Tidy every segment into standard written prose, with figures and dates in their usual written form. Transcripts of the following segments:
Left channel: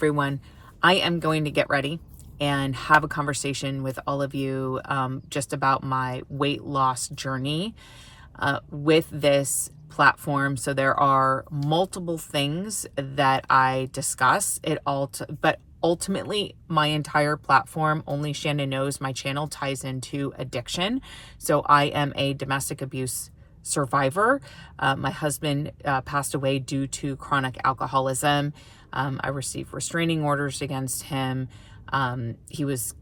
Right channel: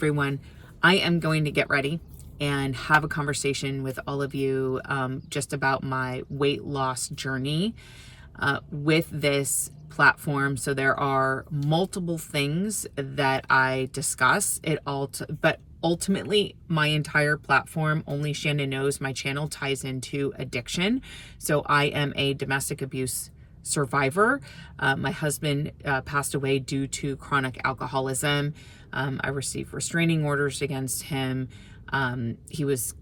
everyone. I am going to get ready and have a conversation with all of you just about my weight loss journey with this platform. So there are multiple things that I discuss. But ultimately, my entire platform, only Shannon knows, my channel ties into addiction. So I am a domestic abuse survivor. My husband passed away due to chronic alcoholism. I received restraining orders against him. He was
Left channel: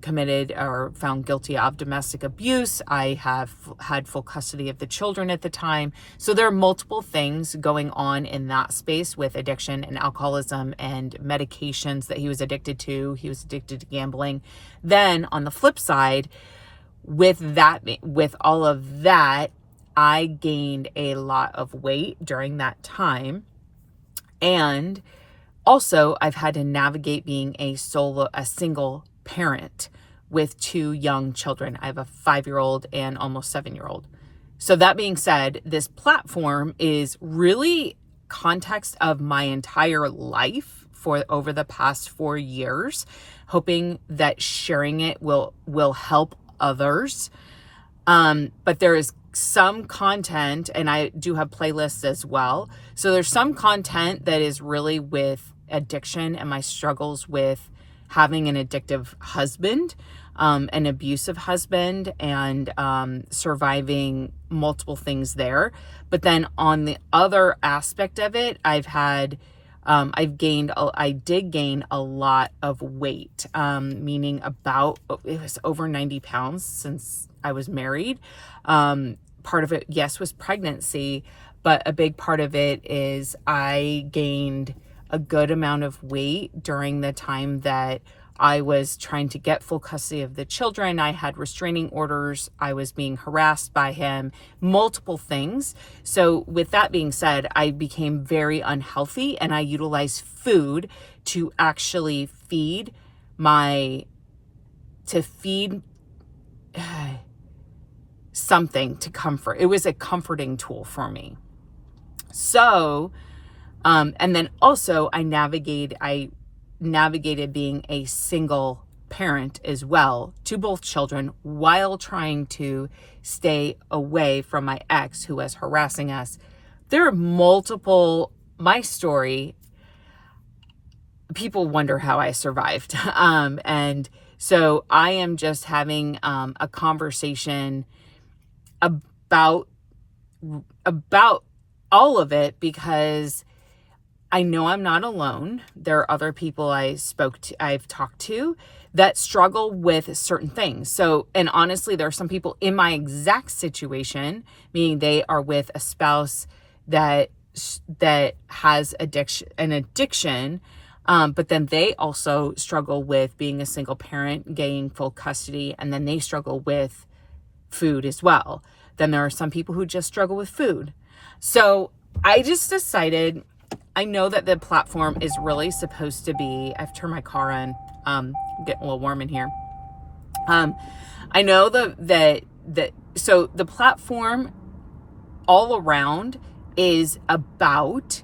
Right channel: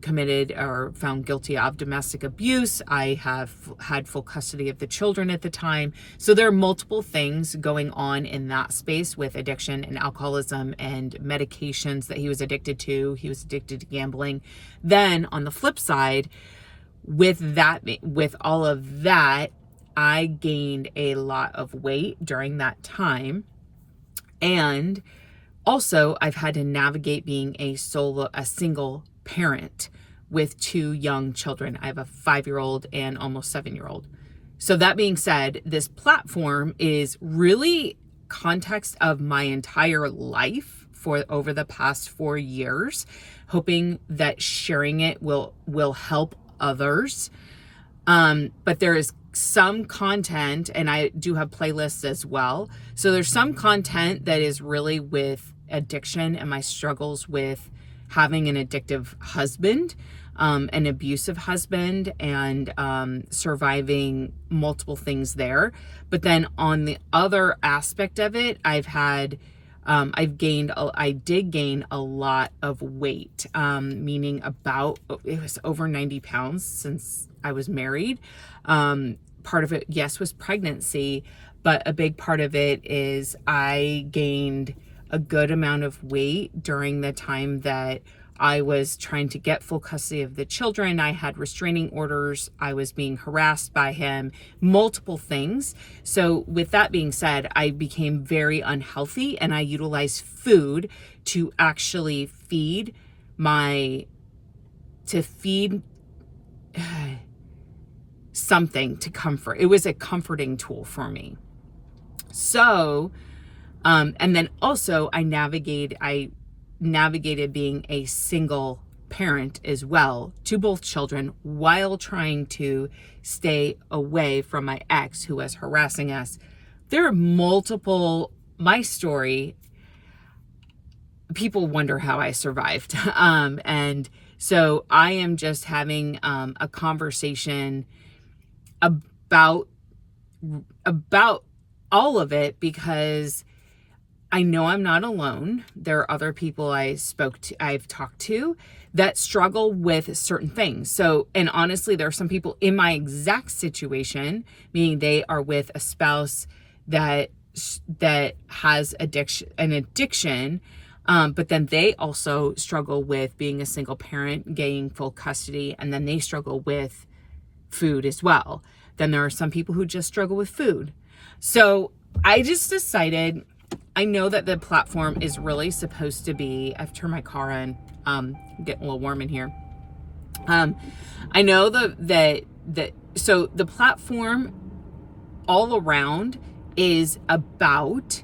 committed or found guilty of domestic abuse. I have had full custody of the children at the time. So there are multiple things going on in that space with addiction and alcoholism and medications that he was addicted to. He was addicted to gambling. Then on the flip side, with all of that, I gained a lot of weight during that time. And also I've had to navigate being a single parent with 2 young children. I have a 5-year-old and almost 7-year-old. So that being said, this platform is really context of my entire life for over the past 4 years, hoping that sharing it will help others. But there is some content, and I do have playlists as well. So there's some content that is really with addiction and my struggles with having an addictive husband, an abusive husband, and surviving multiple things there. But then on the other aspect of it, I did gain a lot of weight, meaning it was over 90 pounds since I was married. Part of it, yes, was pregnancy, but a big part of it is I gained a good amount of weight during the time that I was trying to get full custody of the children. I had restraining orders. I was being harassed by him, multiple things. So with that being said, I became very unhealthy, and I utilized food to actually feed something to comfort. It was a comforting tool for me. So, and then also I navigated being a single parent as well to both children while trying to stay away from my ex who was harassing us. There are my story, people wonder how I survived. And so I am just having a conversation about all of it, because I know I'm not alone. There are other people I've talked to that struggle with certain things. So, and honestly, there are some people in my exact situation, meaning they are with a spouse that has an addiction, but then they also struggle with being a single parent, gaining full custody, and then they struggle with food as well. Then there are some people who just struggle with food. So I just decided, I know that the platform is really supposed to be, I've turned my car on, getting a little warm in here. I know so the platform all around is about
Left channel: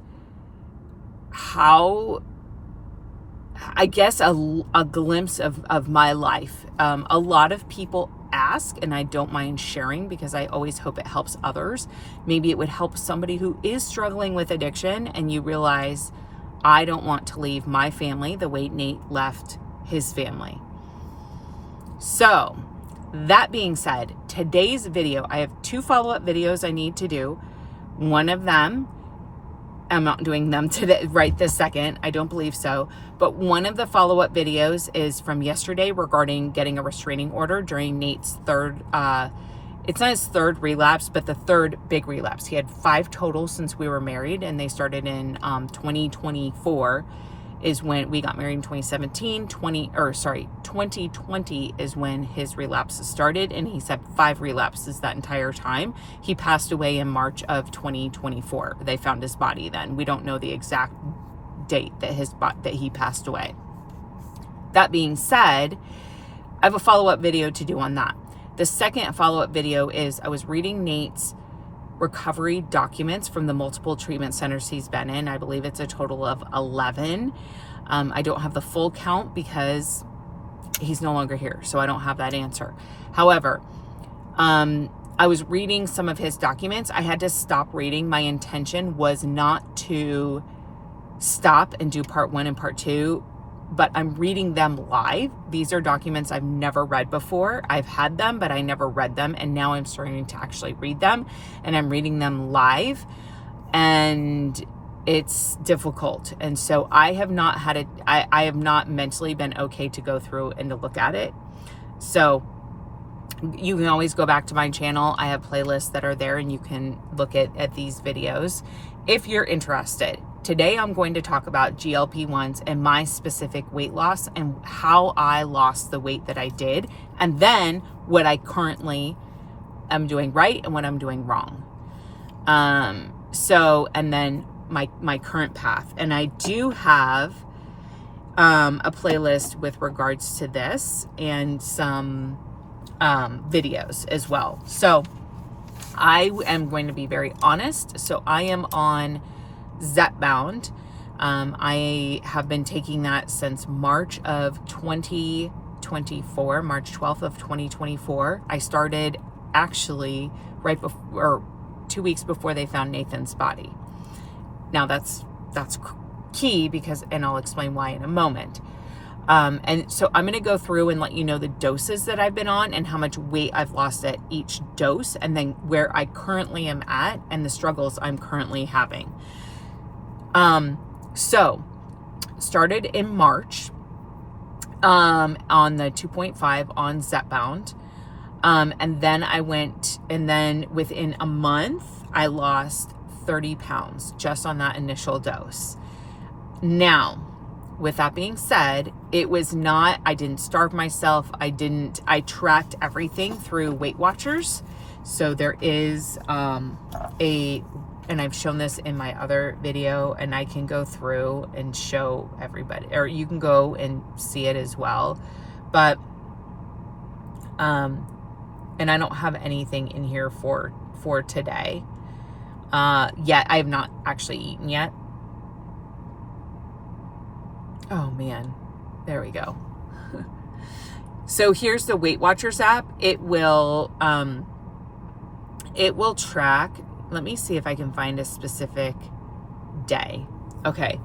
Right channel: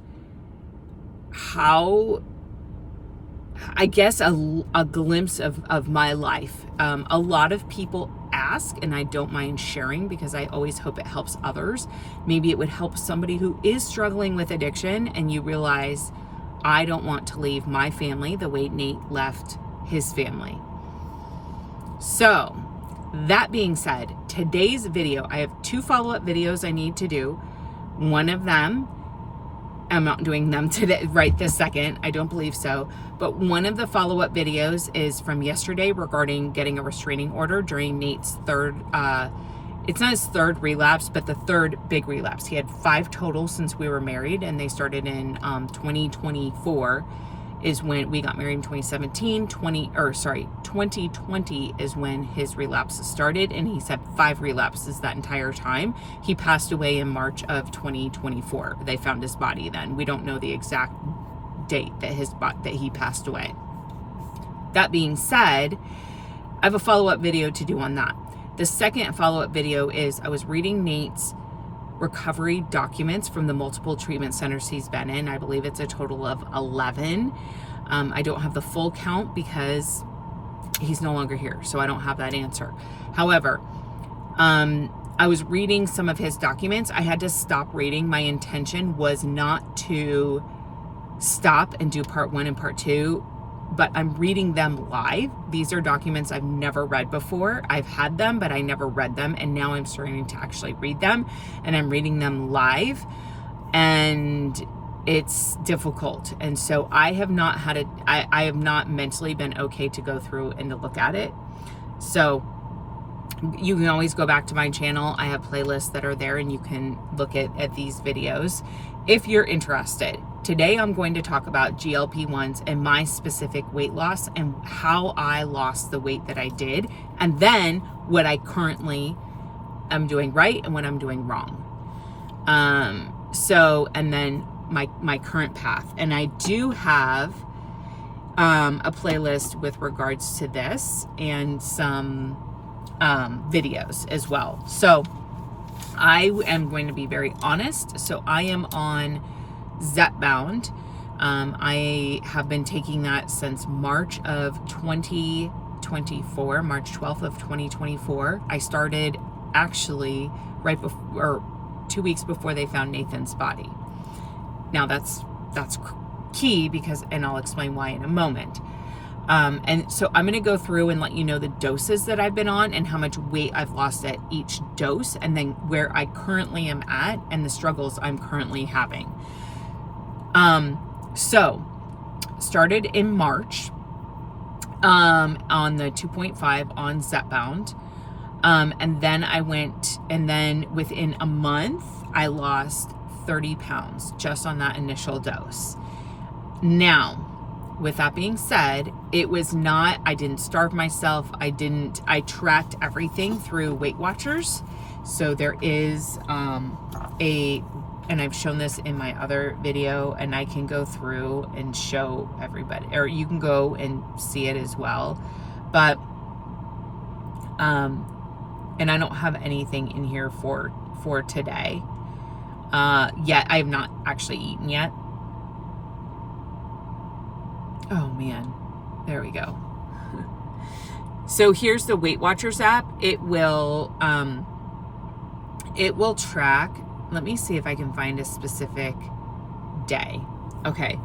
how, I guess, a glimpse of my life. A lot of people ask, and I don't mind sharing because I always hope it helps others. Maybe it would help somebody who is struggling with addiction, and you realize, I don't want to leave my family the way Nate left his family. So that being said, today's video, I have 2 follow-up videos I need to do. One of them, I'm not doing them today, right this second. I don't believe so. But one of the follow-up videos is from yesterday regarding getting a restraining order during Nate's it's not his 3rd relapse, but the 3rd big relapse. He had 5 total since we were married, and they started in 2024 is when we got married in 2017. 2020 is when his relapses started, and he's had 5 relapses that entire time. He passed away in March of 2024. They found his body then. We don't know the exact date that he passed away. That being said, I have a follow-up video to do on that. The second follow-up video is I was reading Nate's recovery documents from the multiple treatment centers he's been in. I believe it's a total of 11. I don't have the full count because he's no longer here, so I don't have that answer. However, I was reading some of his documents. I had to stop reading. My intention was not to stop and do part 1 and part 2, but I'm reading them live. These are documents I've never read before. I've had them, but I never read them, and now I'm starting to actually read them, and I'm reading them live, and it's difficult. And so I have not had I have not mentally been okay to go through and to look at it. So you can always go back to my channel. I have playlists that are there, and you can look at these videos if you're interested. Today, I'm going to talk about GLP-1s and my specific weight loss and how I lost the weight that I did, and then what I currently am doing right and what I'm doing wrong. And then my current path. And I do have a playlist with regards to this and some videos as well. So I am going to be very honest. So I am on Zepbound. I have been taking that since March of 2024, March 12th of 2024. I started actually right before, or 2 weeks before they found Nathan's body. Now that's key because, and I'll explain why in a moment. And so I'm going to go through and let you know the doses that I've been on and how much weight I've lost at each dose, and then where I currently am at and the struggles I'm currently having. So started in March, on the 2.5 on Zepbound. And then I went, and then within a month, I lost 30 pounds just on that initial dose. Now, with that being said, it was not, I didn't starve myself. I tracked everything through Weight Watchers. So there is, and I've shown this in my other video, and I can go through and show everybody, or you can go and see it as well. But, and I don't have anything in here for today. Yet I have not actually eaten yet. Oh man, there we go. So here's the Weight Watchers app. It will track. Let me see if I can find a specific day. Okay.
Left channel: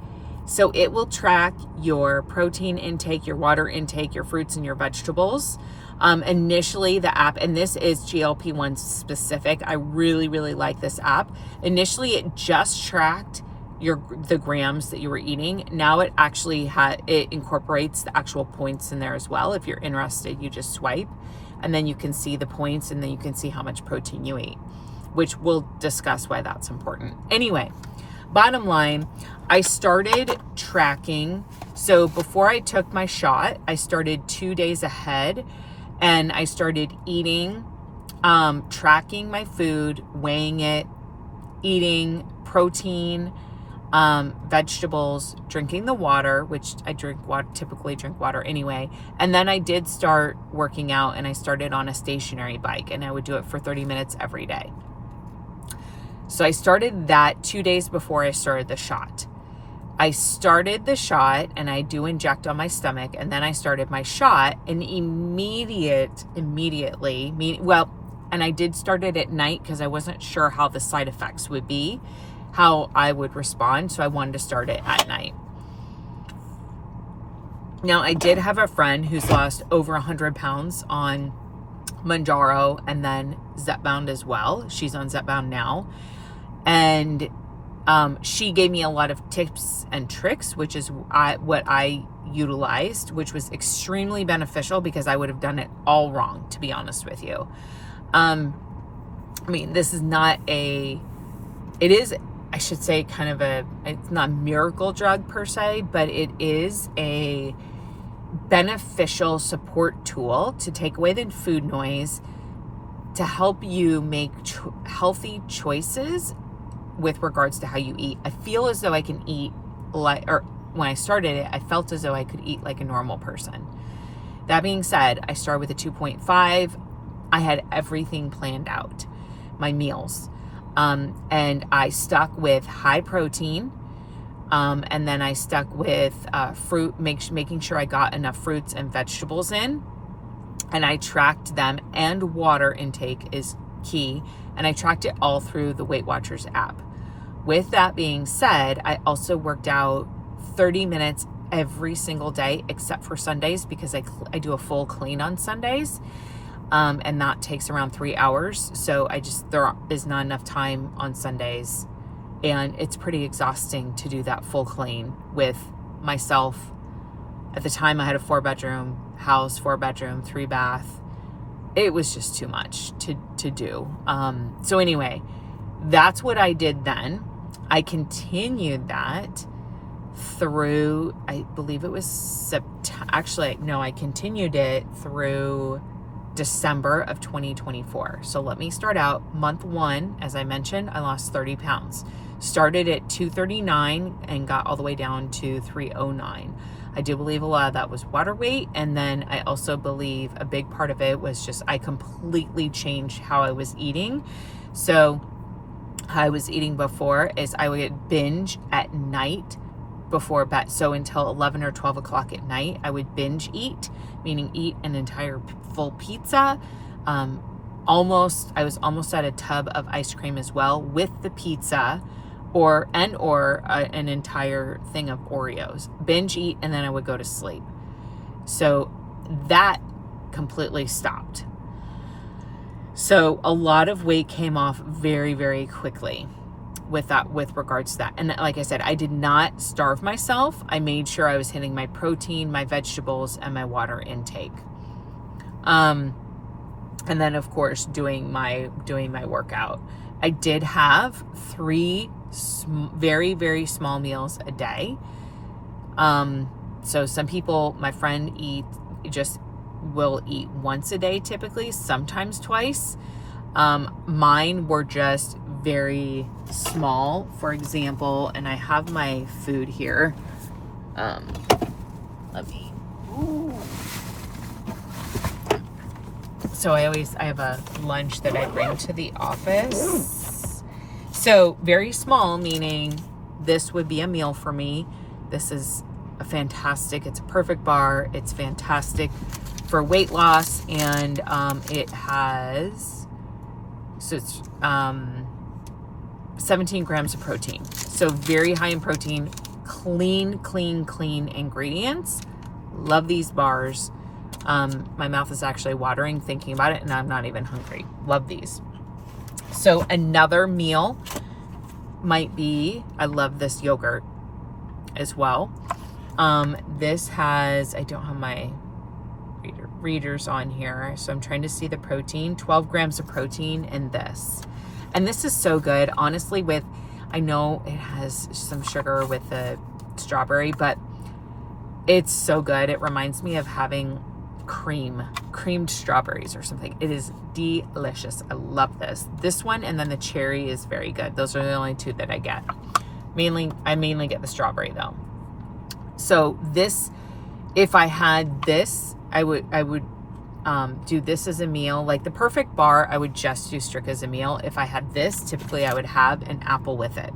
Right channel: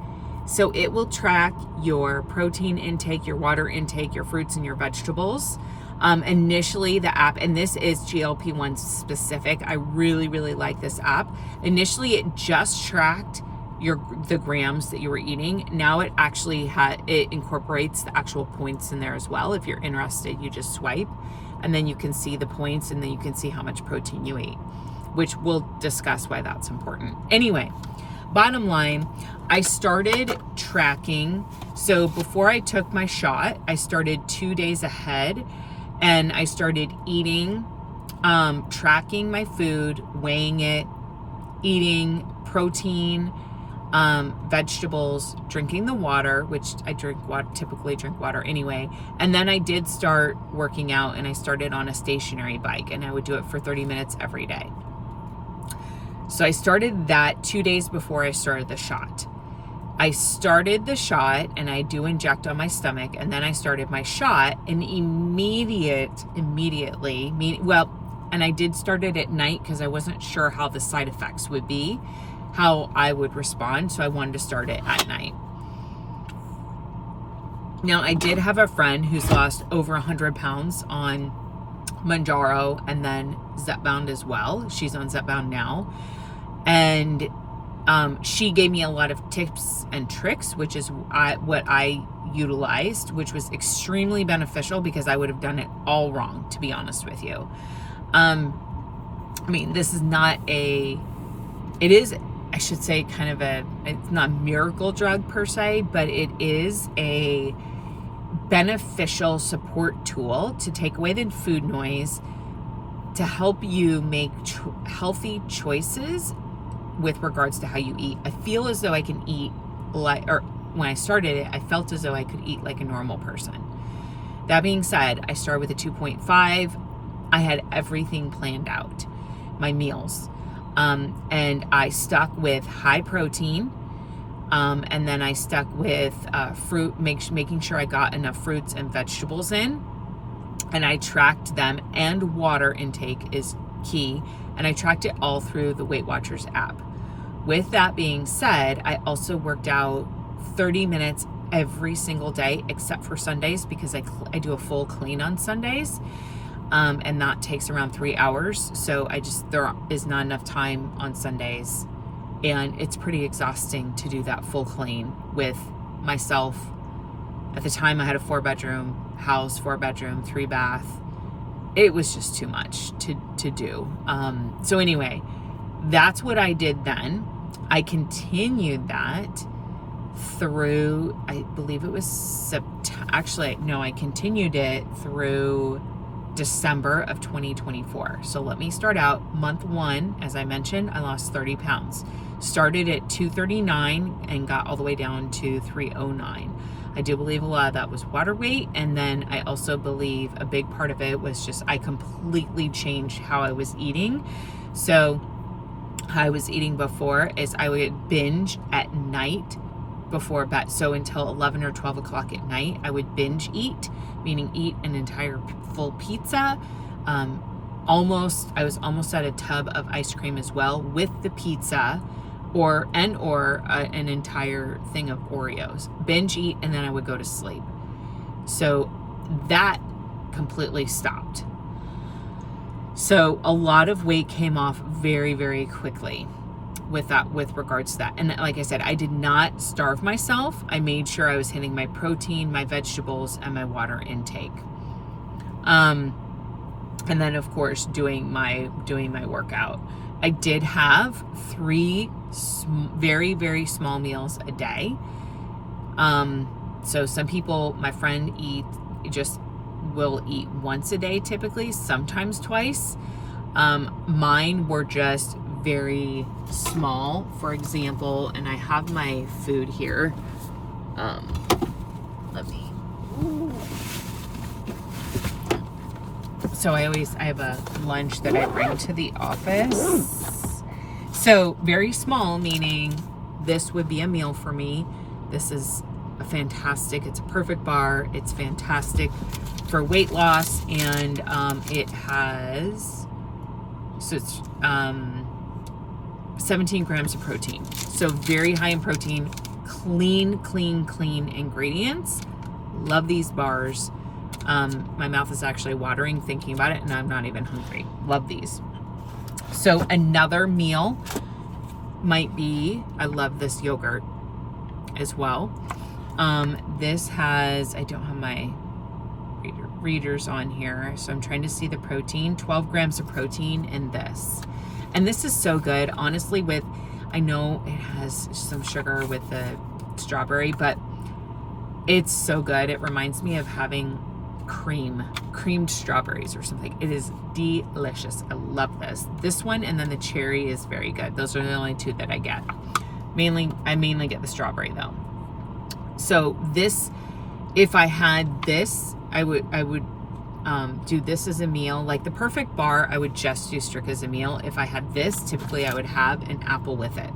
So it will track your protein intake, your water intake, your fruits and your vegetables. Initially the app, and this is GLP-1 specific. I really, really like this app. Initially it just tracked the grams that you were eating. Now it actually it incorporates the actual points in there as well. If you're interested, you just swipe and then you can see the points, and then you can see how much protein you eat, which we'll discuss why that's important. Anyway, bottom line, I started tracking. So before I took my shot, I started 2 days ahead, and I started eating, tracking my food, weighing it, eating protein, vegetables, drinking the water, which I typically drink water anyway. And then I did start working out, and I started on a stationary bike, and I would do it for 30 minutes every day. So I started that 2 days before I started the shot. I started the shot, and I do inject on my stomach, and then I started my shot, and immediately, and I did start it at night because I wasn't sure how the side effects would be, how I would respond, so I wanted to start it at night. Now, I did have a friend who's lost over 100 pounds on Mounjaro and then Zepbound as well. She's on Zepbound now. And she gave me a lot of tips and tricks, which is what I utilized, which was extremely beneficial because I would have done it all wrong, to be honest with you. I mean, this is not it is, I should say, kind of it's not a miracle drug per se, but it is a beneficial support tool to take away the food noise, to help you make healthy choices with regards to how you eat. I feel as though I can eat or when I started it, I felt as though I could eat like a normal person. That being said, I started with a 2.5. I had everything planned out, my meals. And I stuck with high protein, And then I stuck with fruit, making sure I got enough fruits and vegetables in. And I tracked them, and water intake is key. And I tracked it all through the Weight Watchers app. With that being said, I also worked out 30 minutes every single day except for Sundays, because I do a full clean on Sundays. And that takes around 3 hours. So there is not enough time on Sundays. And it's pretty exhausting to do that full clean with myself. At the time I had a 4-bedroom house, 4-bedroom, 3-bath. It was just too much to do. So anyway, that's what I did then. I continued that through, I believe it was September. Actually, no, I continued it through December of 2024. So let me start out. Month 1, as I mentioned, I lost 30 pounds. Started at 239 and got all the way down to 309. I do believe a lot of that was water weight. And then I also believe a big part of it was just I completely changed how I was eating. So how I was eating before is I would binge at night before bed. So until 11 or 12 o'clock at night, I would binge eat, meaning eat an entire full pizza. I was almost at a tub of ice cream as well with the pizza, or an entire thing of Oreos. Binge eat, and then I would go to sleep. So that completely stopped. So a lot of weight came off very, very quickly with regards to that. And like I said, I did not starve myself. I made sure I was hitting my protein, my vegetables, and my water intake. And then of course doing my workout. I did have 3 very, very small meals a day. So some people, my friend will eat once a day typically, sometimes twice. Mine were just very small. For example, and I have my food here. So I have a lunch that I bring to the office. So very small, meaning this would be a meal for me. This is it's a perfect bar. It's fantastic for weight loss, and it's 17 grams of protein. So very high in protein, clean ingredients. Love these bars. My mouth is actually watering thinking about it, and I'm not even hungry. Love these. So another meal might be, I love this yogurt as well. This has, I don't have my readers on here, so I'm trying to see the protein. 12 grams of protein in this. And this is so good, honestly. I know it has some sugar with the strawberry, but it's so good. It reminds me of having creamed strawberries or something. It is delicious. I love this one, and then the cherry is very good. Those are the only 2 that I get. I mainly get the strawberry though. So this, if I had this, I would do this as a meal. Like the perfect bar, I would just do strict as a meal. If I had this, typically I would have an apple with it,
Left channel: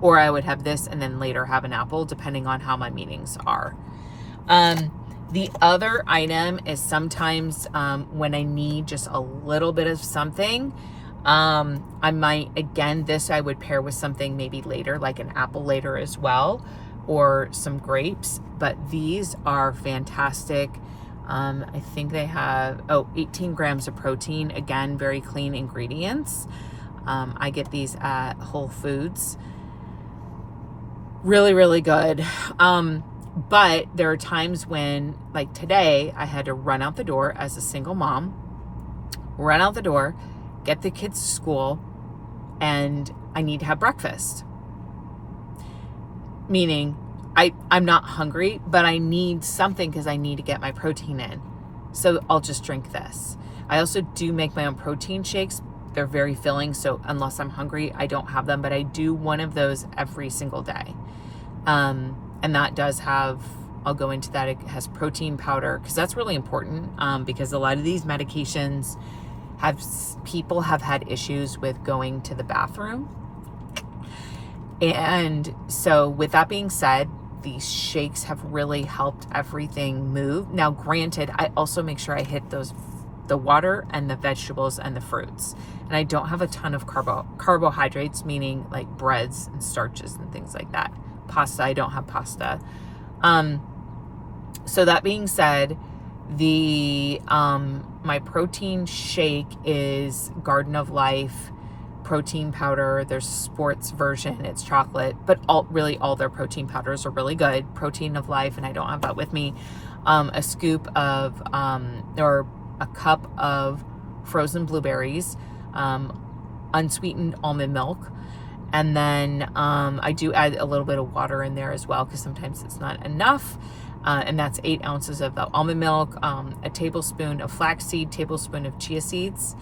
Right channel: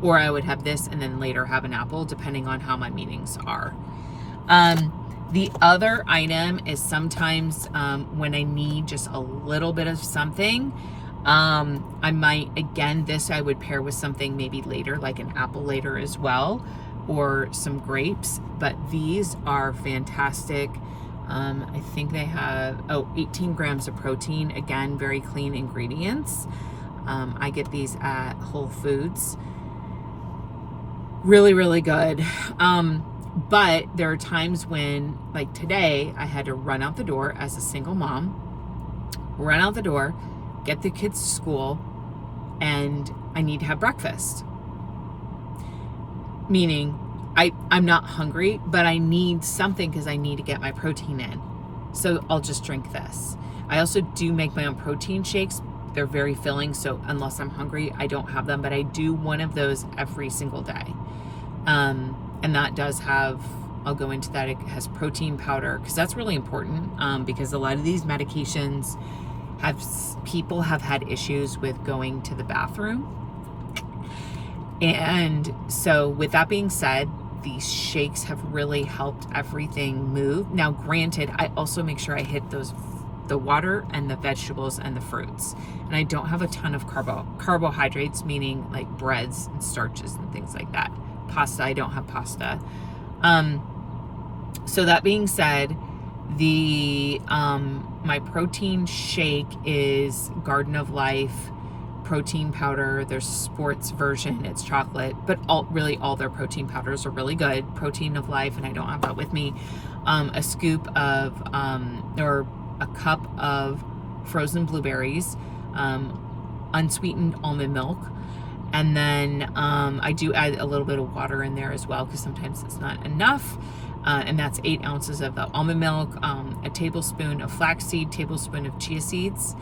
or I would have this and then later have an apple, depending on how my meetings are. The other item is sometimes when I need just a little bit of something, I might, again, this I would pair with something maybe later, like an apple later as well, or some grapes. But these are fantastic. I think they have 18 grams of protein. Again, very clean ingredients. I get these at Whole Foods. Really, really good. But there are times when, like today, I had to run out the door as a single mom, get the kids to school, and I need to have breakfast. Meaning, I'm not hungry, but I need something because I need to get my protein in. So I'll just drink this. I also do make my own protein shakes. They're very filling, so unless I'm hungry, I don't have them, but I do one of those every single day. And that does have, I'll go into that, it has protein powder, because that's really important, because a lot of these medications people have had issues with going to the bathroom. And so with that being said, these shakes have really helped everything move. Now, granted, I also make sure I hit the water and the vegetables and the fruits. And I don't have a ton of carbohydrates, meaning like breads and starches and things like that. Pasta, I don't have pasta. So that being said, my protein shake is Garden of Life protein powder. There's sports version, it's chocolate, but all their protein powders are really good. Protein of Life, and I don't have that with me. A scoop of or a cup of frozen blueberries, unsweetened almond milk, and then I do add a little bit of water in there as well because sometimes it's not enough. And that's 8 ounces of the almond milk, a tablespoon of flaxseed, tablespoon of chia seeds,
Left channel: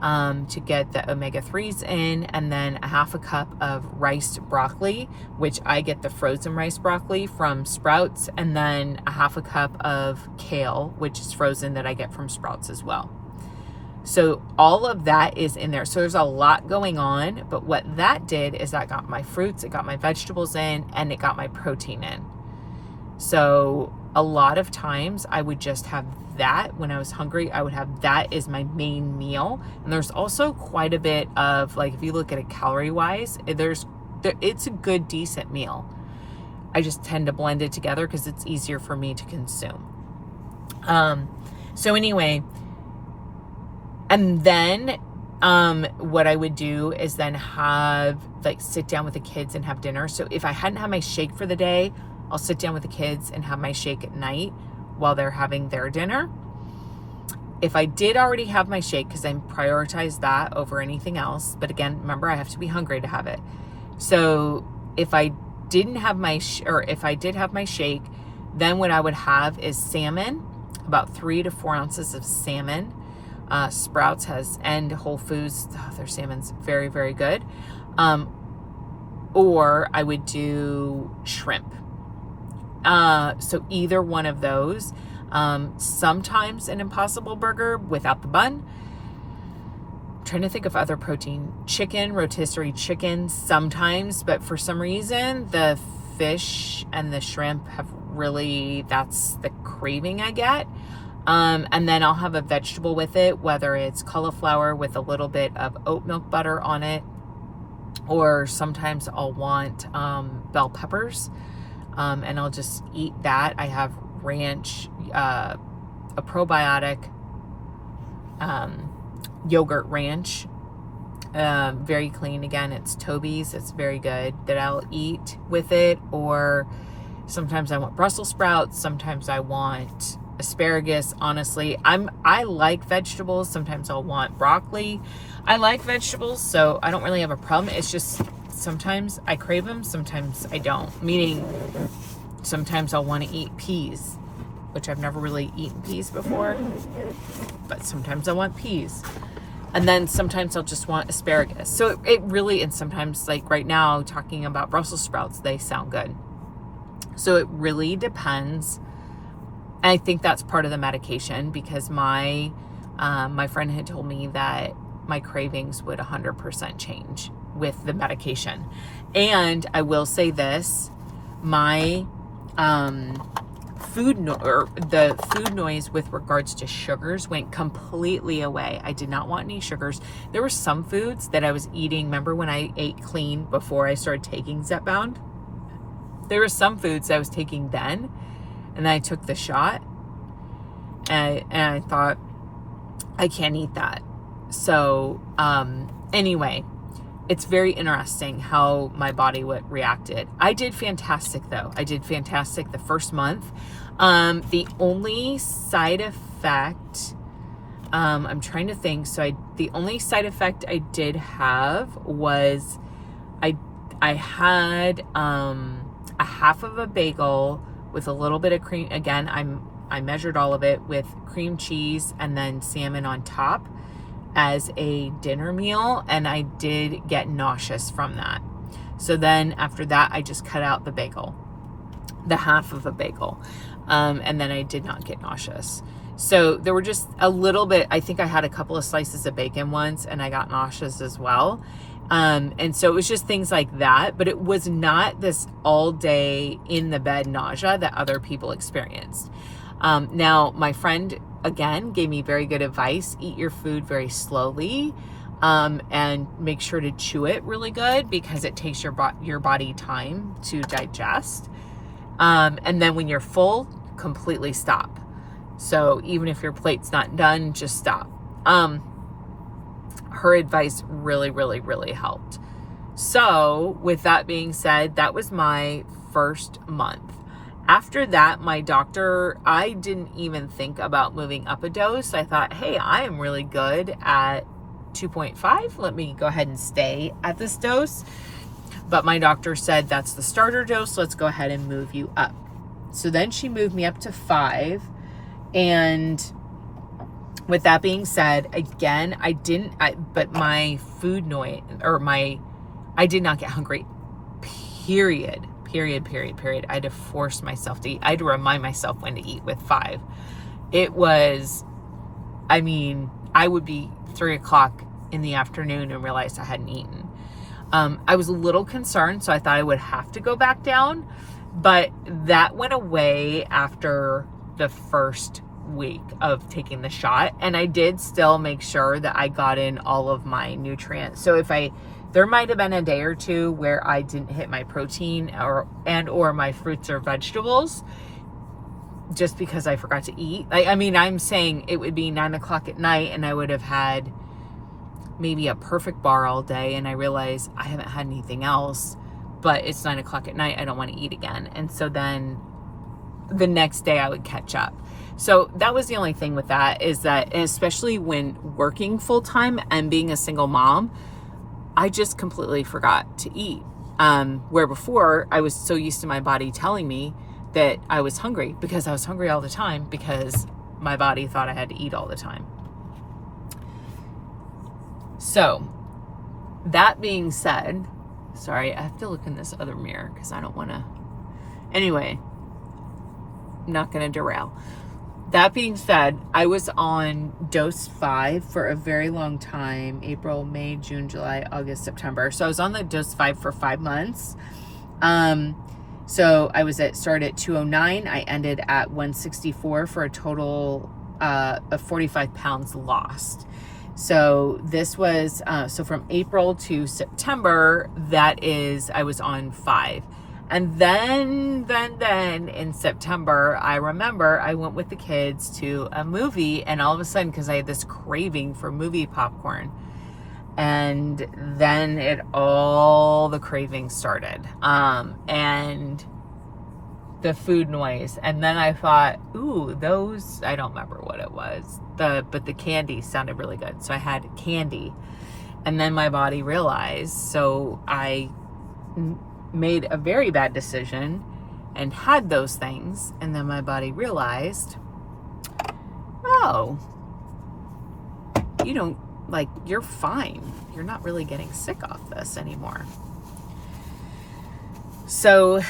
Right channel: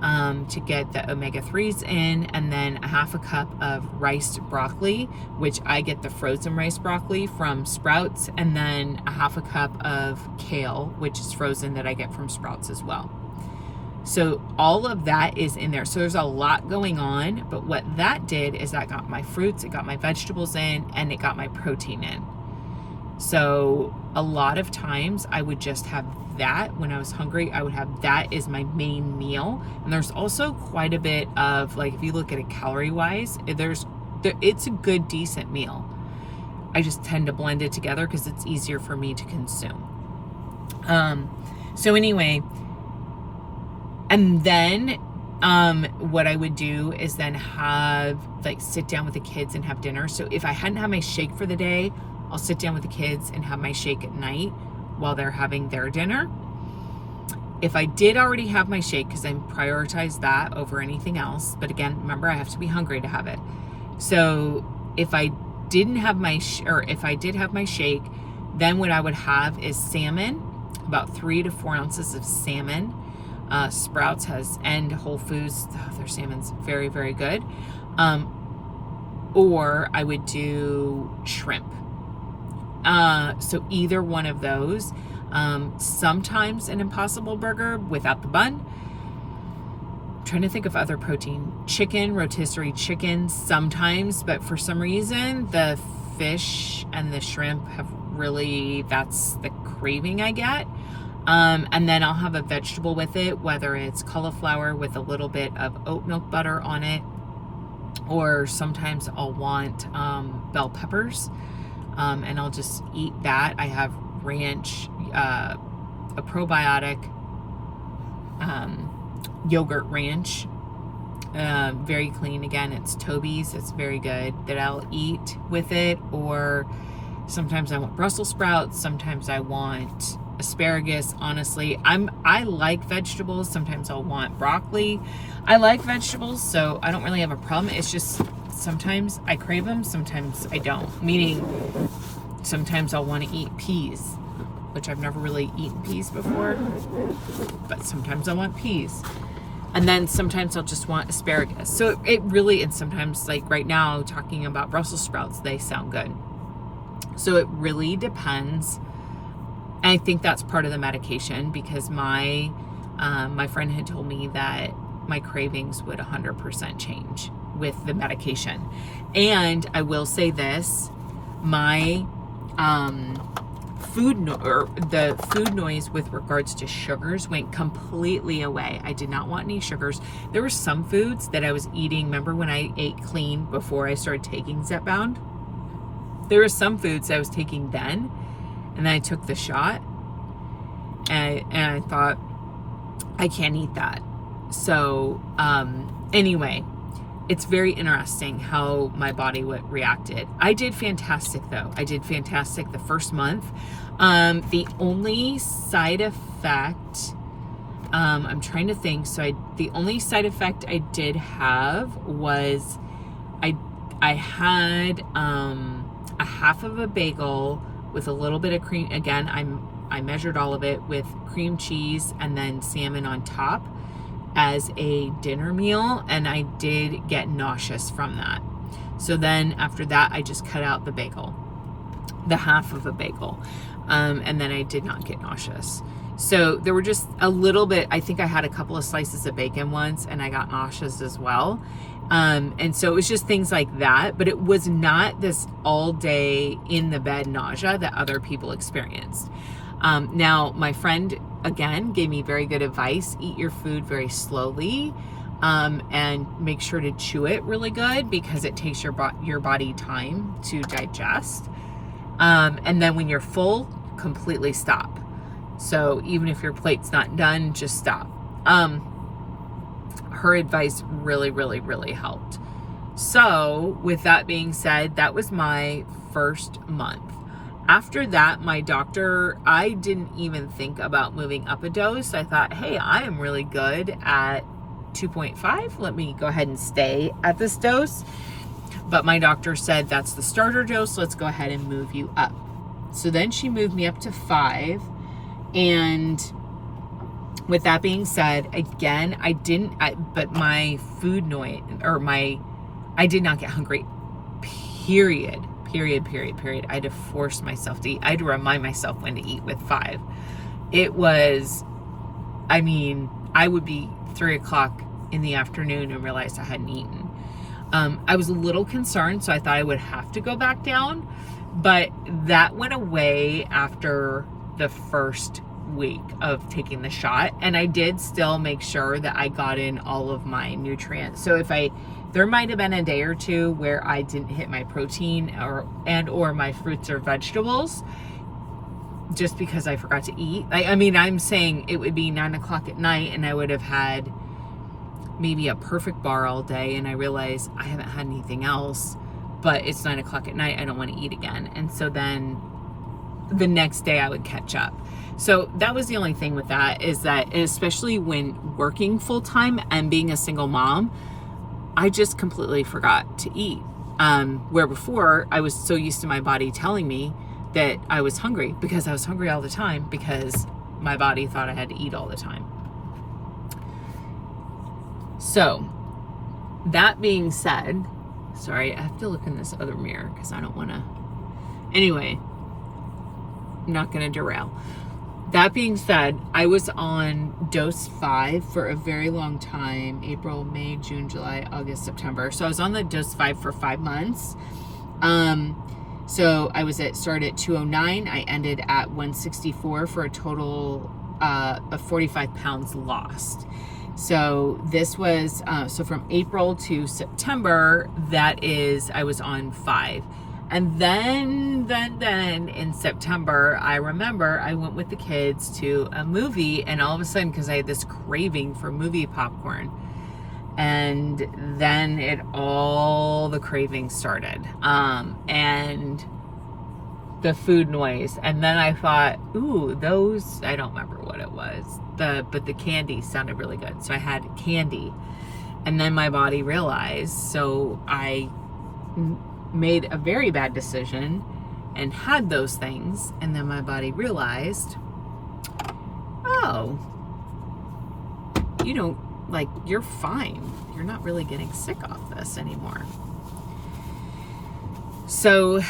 to get the omega-3s in, and then a half a cup of riced broccoli, which I get the frozen rice broccoli from Sprouts, and then a half a cup of kale, which is frozen, that I get from Sprouts as well. So all of that is in there. So there's a lot going on, but what that did is that got my fruits, it got my vegetables in, and it got my protein in. So a lot of times I would just have that when I was hungry. I would have that as my main meal. And there's also quite a bit of, like, if you look at it calorie wise, it's a good, decent meal. I just tend to blend it together because it's easier for me to consume. So anyway, and then what I would do is then sit down with the kids and have dinner. So if I hadn't had my shake for the day, I'll sit down with the kids and have my shake at night while they're having their dinner. If I did already have my shake, because I prioritize that over anything else, but again, remember, I have to be hungry to have it. So if I didn't have if I did have my shake, then what I would have is salmon, about 3 to 4 ounces of salmon. Sprouts and Whole Foods, their salmon's very, very good. Or I would do shrimp. So either one of those, sometimes an Impossible Burger without the bun. I'm trying to think of other protein. Chicken, rotisserie chicken sometimes, but for some reason the fish and the shrimp that's the craving I get. And then I'll have a vegetable with it, whether it's cauliflower with a little bit of oat milk butter on it, or sometimes I'll want bell peppers. And I'll just eat that. I have ranch, a probiotic yogurt ranch, very clean. Again, it's Toby's. It's very good, that I'll eat with it. Or sometimes I want Brussels sprouts. Sometimes I want asparagus. Honestly, I like vegetables. Sometimes I'll want broccoli. I like vegetables, so I don't really have a problem. It's just sometimes I crave them, sometimes I don't. Meaning, sometimes I'll want to eat peas, which I've never really eaten peas before, but sometimes I want peas. And then sometimes I'll just want asparagus. So it really, and sometimes, like right now, talking about Brussels sprouts, they sound good. So it really depends. And I think that's part of the medication, because my friend had told me that my cravings would 100% change with the medication. And I will say this, my the food noise with regards to sugars went completely away. I did not want any sugars. There were some foods that I was eating. Remember when I ate clean before I started taking Zepbound? There were some foods I was taking then, and then I took the shot, and I thought, I can't eat that. So anyway, it's very interesting how my body reacted. I did fantastic though. I did fantastic the first month. The only side effect, I'm trying to think. So the only side effect I did have was I had a half of a bagel with a little bit of cream. Again, I measured all of it with cream cheese and then salmon on top as a dinner meal, and I did get nauseous from that. So then after that, I just cut out the bagel, the half of a bagel, and then I did not get nauseous. So there were just a little bit, I think I had a couple of slices of bacon once and I got nauseous as well. And so it was just things like that, but it was not this all day in the bed nausea that other people experienced. Now my friend again gave me very good advice. Eat your food very slowly, and make sure to chew it really good because it takes your body time to digest. And then when you're full, completely stop. So even if your plate's not done, just stop. Her advice really, really, really helped. So with that being said, that was my first month. After that, my doctor, I didn't even think about moving up a dose. I thought, hey, I am really good at 2.5. Let me go ahead and stay at this dose. But my doctor said, that's the starter dose. Let's go ahead and move you up. So then she moved me up to 5. And with that being said, again, but my food noise, I did not get hungry, period. I had to force myself to eat. I had to remind myself when to eat with 5. It was, I would be 3 o'clock in the afternoon and realize I hadn't eaten. I was a little concerned, so I thought I would have to go back down, but that went away after the first week of taking the shot. And I did still make sure that I got in all of my nutrients. So there might have been a day or two where I didn't hit my protein or my fruits or vegetables just because I forgot to eat. I'm saying it would be 9 o'clock at night and I would have had maybe a perfect bar all day, and I realized I haven't had anything else, but it's 9 o'clock at night. I don't want to eat again. And so then the next day I would catch up. So that was the only thing with that, is that, and especially when working full time and being a single mom, I just completely forgot to eat. Where before I was so used to my body telling me that I was hungry, because I was hungry all the time because my body thought I had to eat all the time. So that being said, sorry, I have to look in this other mirror because I don't want to, anyway, I'm not going to derail. That being said, I was on dose 5 for a very long time, April, May, June, July, August, September. So I was on the dose 5 for 5 months. So I started at 209. I ended at 164 for a total of 45 pounds lost. So this was, so from April to September, I was on 5. And then in September, I remember I went with the kids to a movie, and all of a sudden, because I had this craving for movie popcorn, and then all the cravings started, and the food noise. And then I thought, ooh, those, I don't remember what it was, but the candy sounded really good. So I had candy, and then my body realized, so I made a very bad decision and had those things, and then my body realized, oh, you're fine. You're not really getting sick off this anymore. So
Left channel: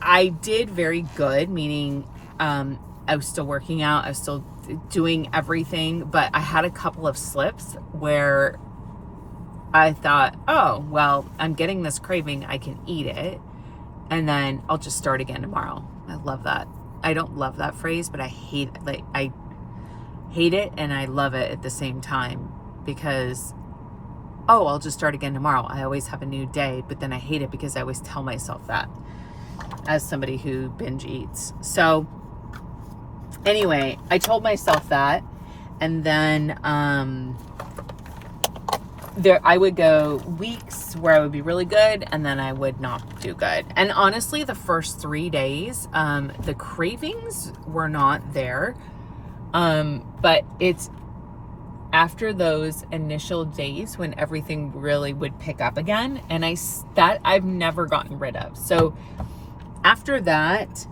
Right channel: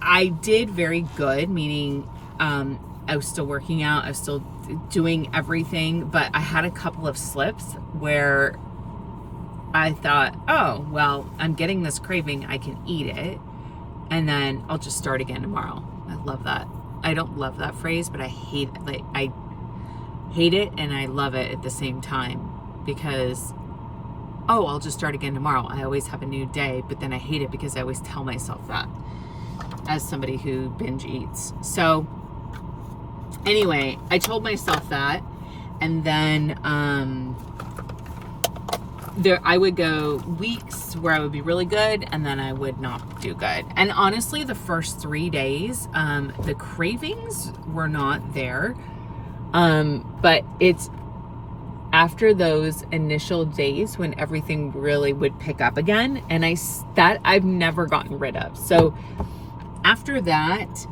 I did very good, meaning I was still working out, I was still doing everything, but I had a couple of slips where I thought, oh, well, I'm getting this craving, I can eat it, and then I'll just start again tomorrow. I love that. I don't love that phrase, but I hate it and I love it at the same time, because, oh, I'll just start again tomorrow. I always have a new day, but then I hate it because I always tell myself that, as somebody who binge eats. So anyway, I told myself that, and then I would go weeks where I would be really good, and then I would not do good. And honestly, the first 3 days, the cravings were not there. But it's after those initial days when everything really would pick up again, and I've never gotten rid of. So after that,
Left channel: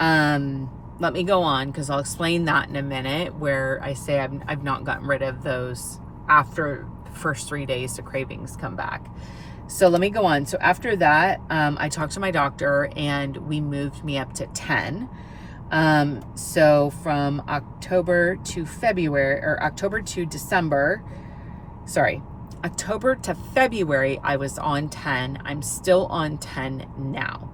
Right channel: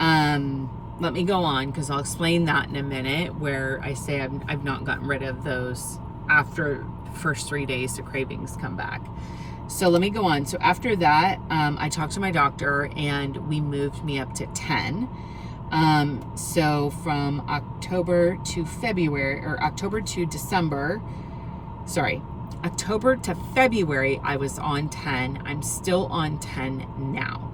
let me go on, because I'll explain that in a minute, where I say I've not gotten rid of those after first 3 days the cravings come back. So let me go on. So after that, I talked to my doctor, and we moved me up to 10. So from October to October to February, I was on 10. I'm still on 10 now.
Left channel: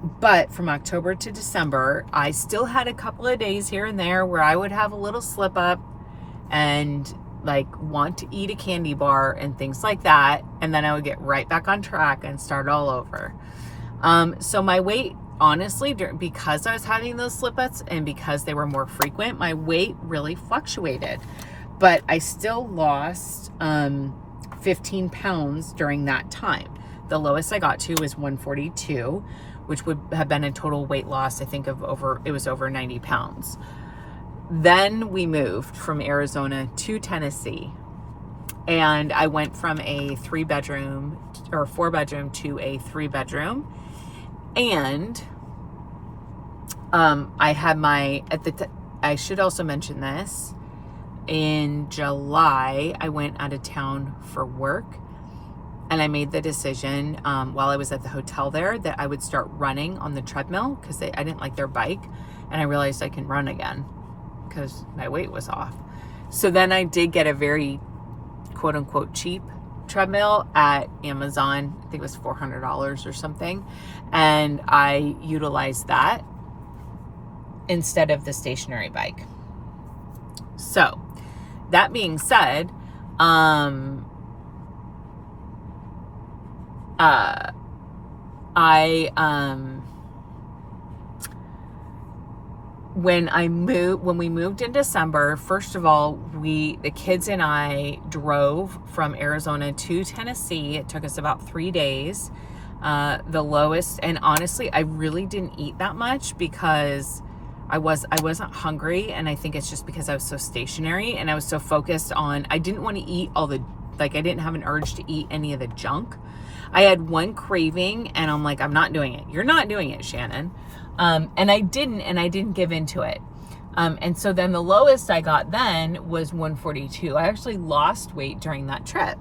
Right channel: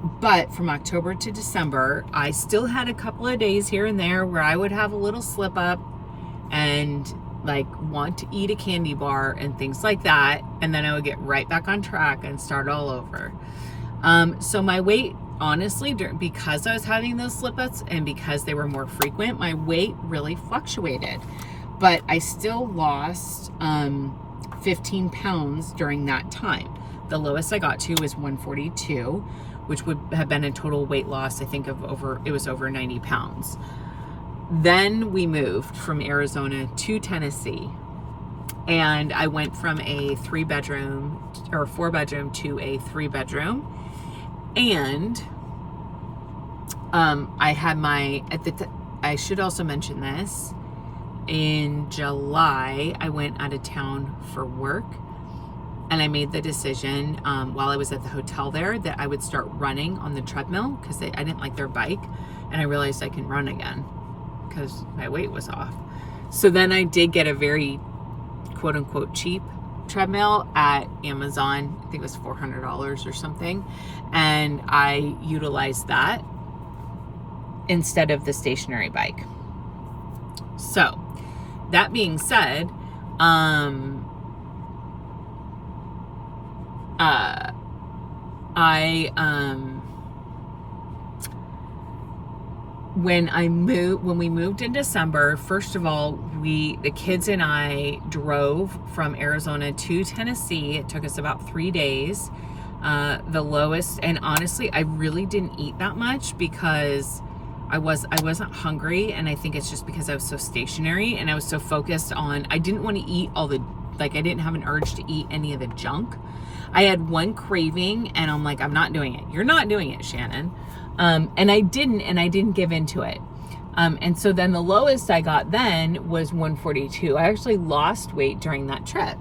But from October to December, I still had a couple of days here and there where I would have a little slip up and like want to eat a candy bar and things like that. And then I would get right back on track and start all over. So my weight, honestly, because I was having those slip ups and because they were more frequent, my weight really fluctuated. But I still lost 15 pounds during that time. The lowest I got to was 142, which would have been a total weight loss, I think, of over 90 pounds. Then we moved from Arizona to Tennessee. And I went from a 4-bedroom to a 3-bedroom. And I had I should also mention this. In July, I went out of town for work, and I made the decision while I was at the hotel there that I would start running on the treadmill because I didn't like their bike, and I realized I can run again because my weight was off. So then I did get a very quote unquote cheap treadmill at Amazon. I think it was $400 or something, and I utilized that instead of the stationary bike. So that being said, when we moved in December, first of all, the kids and I drove from Arizona to Tennessee. It took us about 3 days. The lowest, and honestly, I really didn't eat that much because I wasn't hungry, and I think it's just because I was so stationary and I was so focused on, I didn't want to eat I didn't have an urge to eat any of the junk. I had one craving and I'm like, I'm not doing it. You're not doing it, Shannon. And I didn't give into it. And so then the lowest I got then was 142. I actually lost weight during that trip.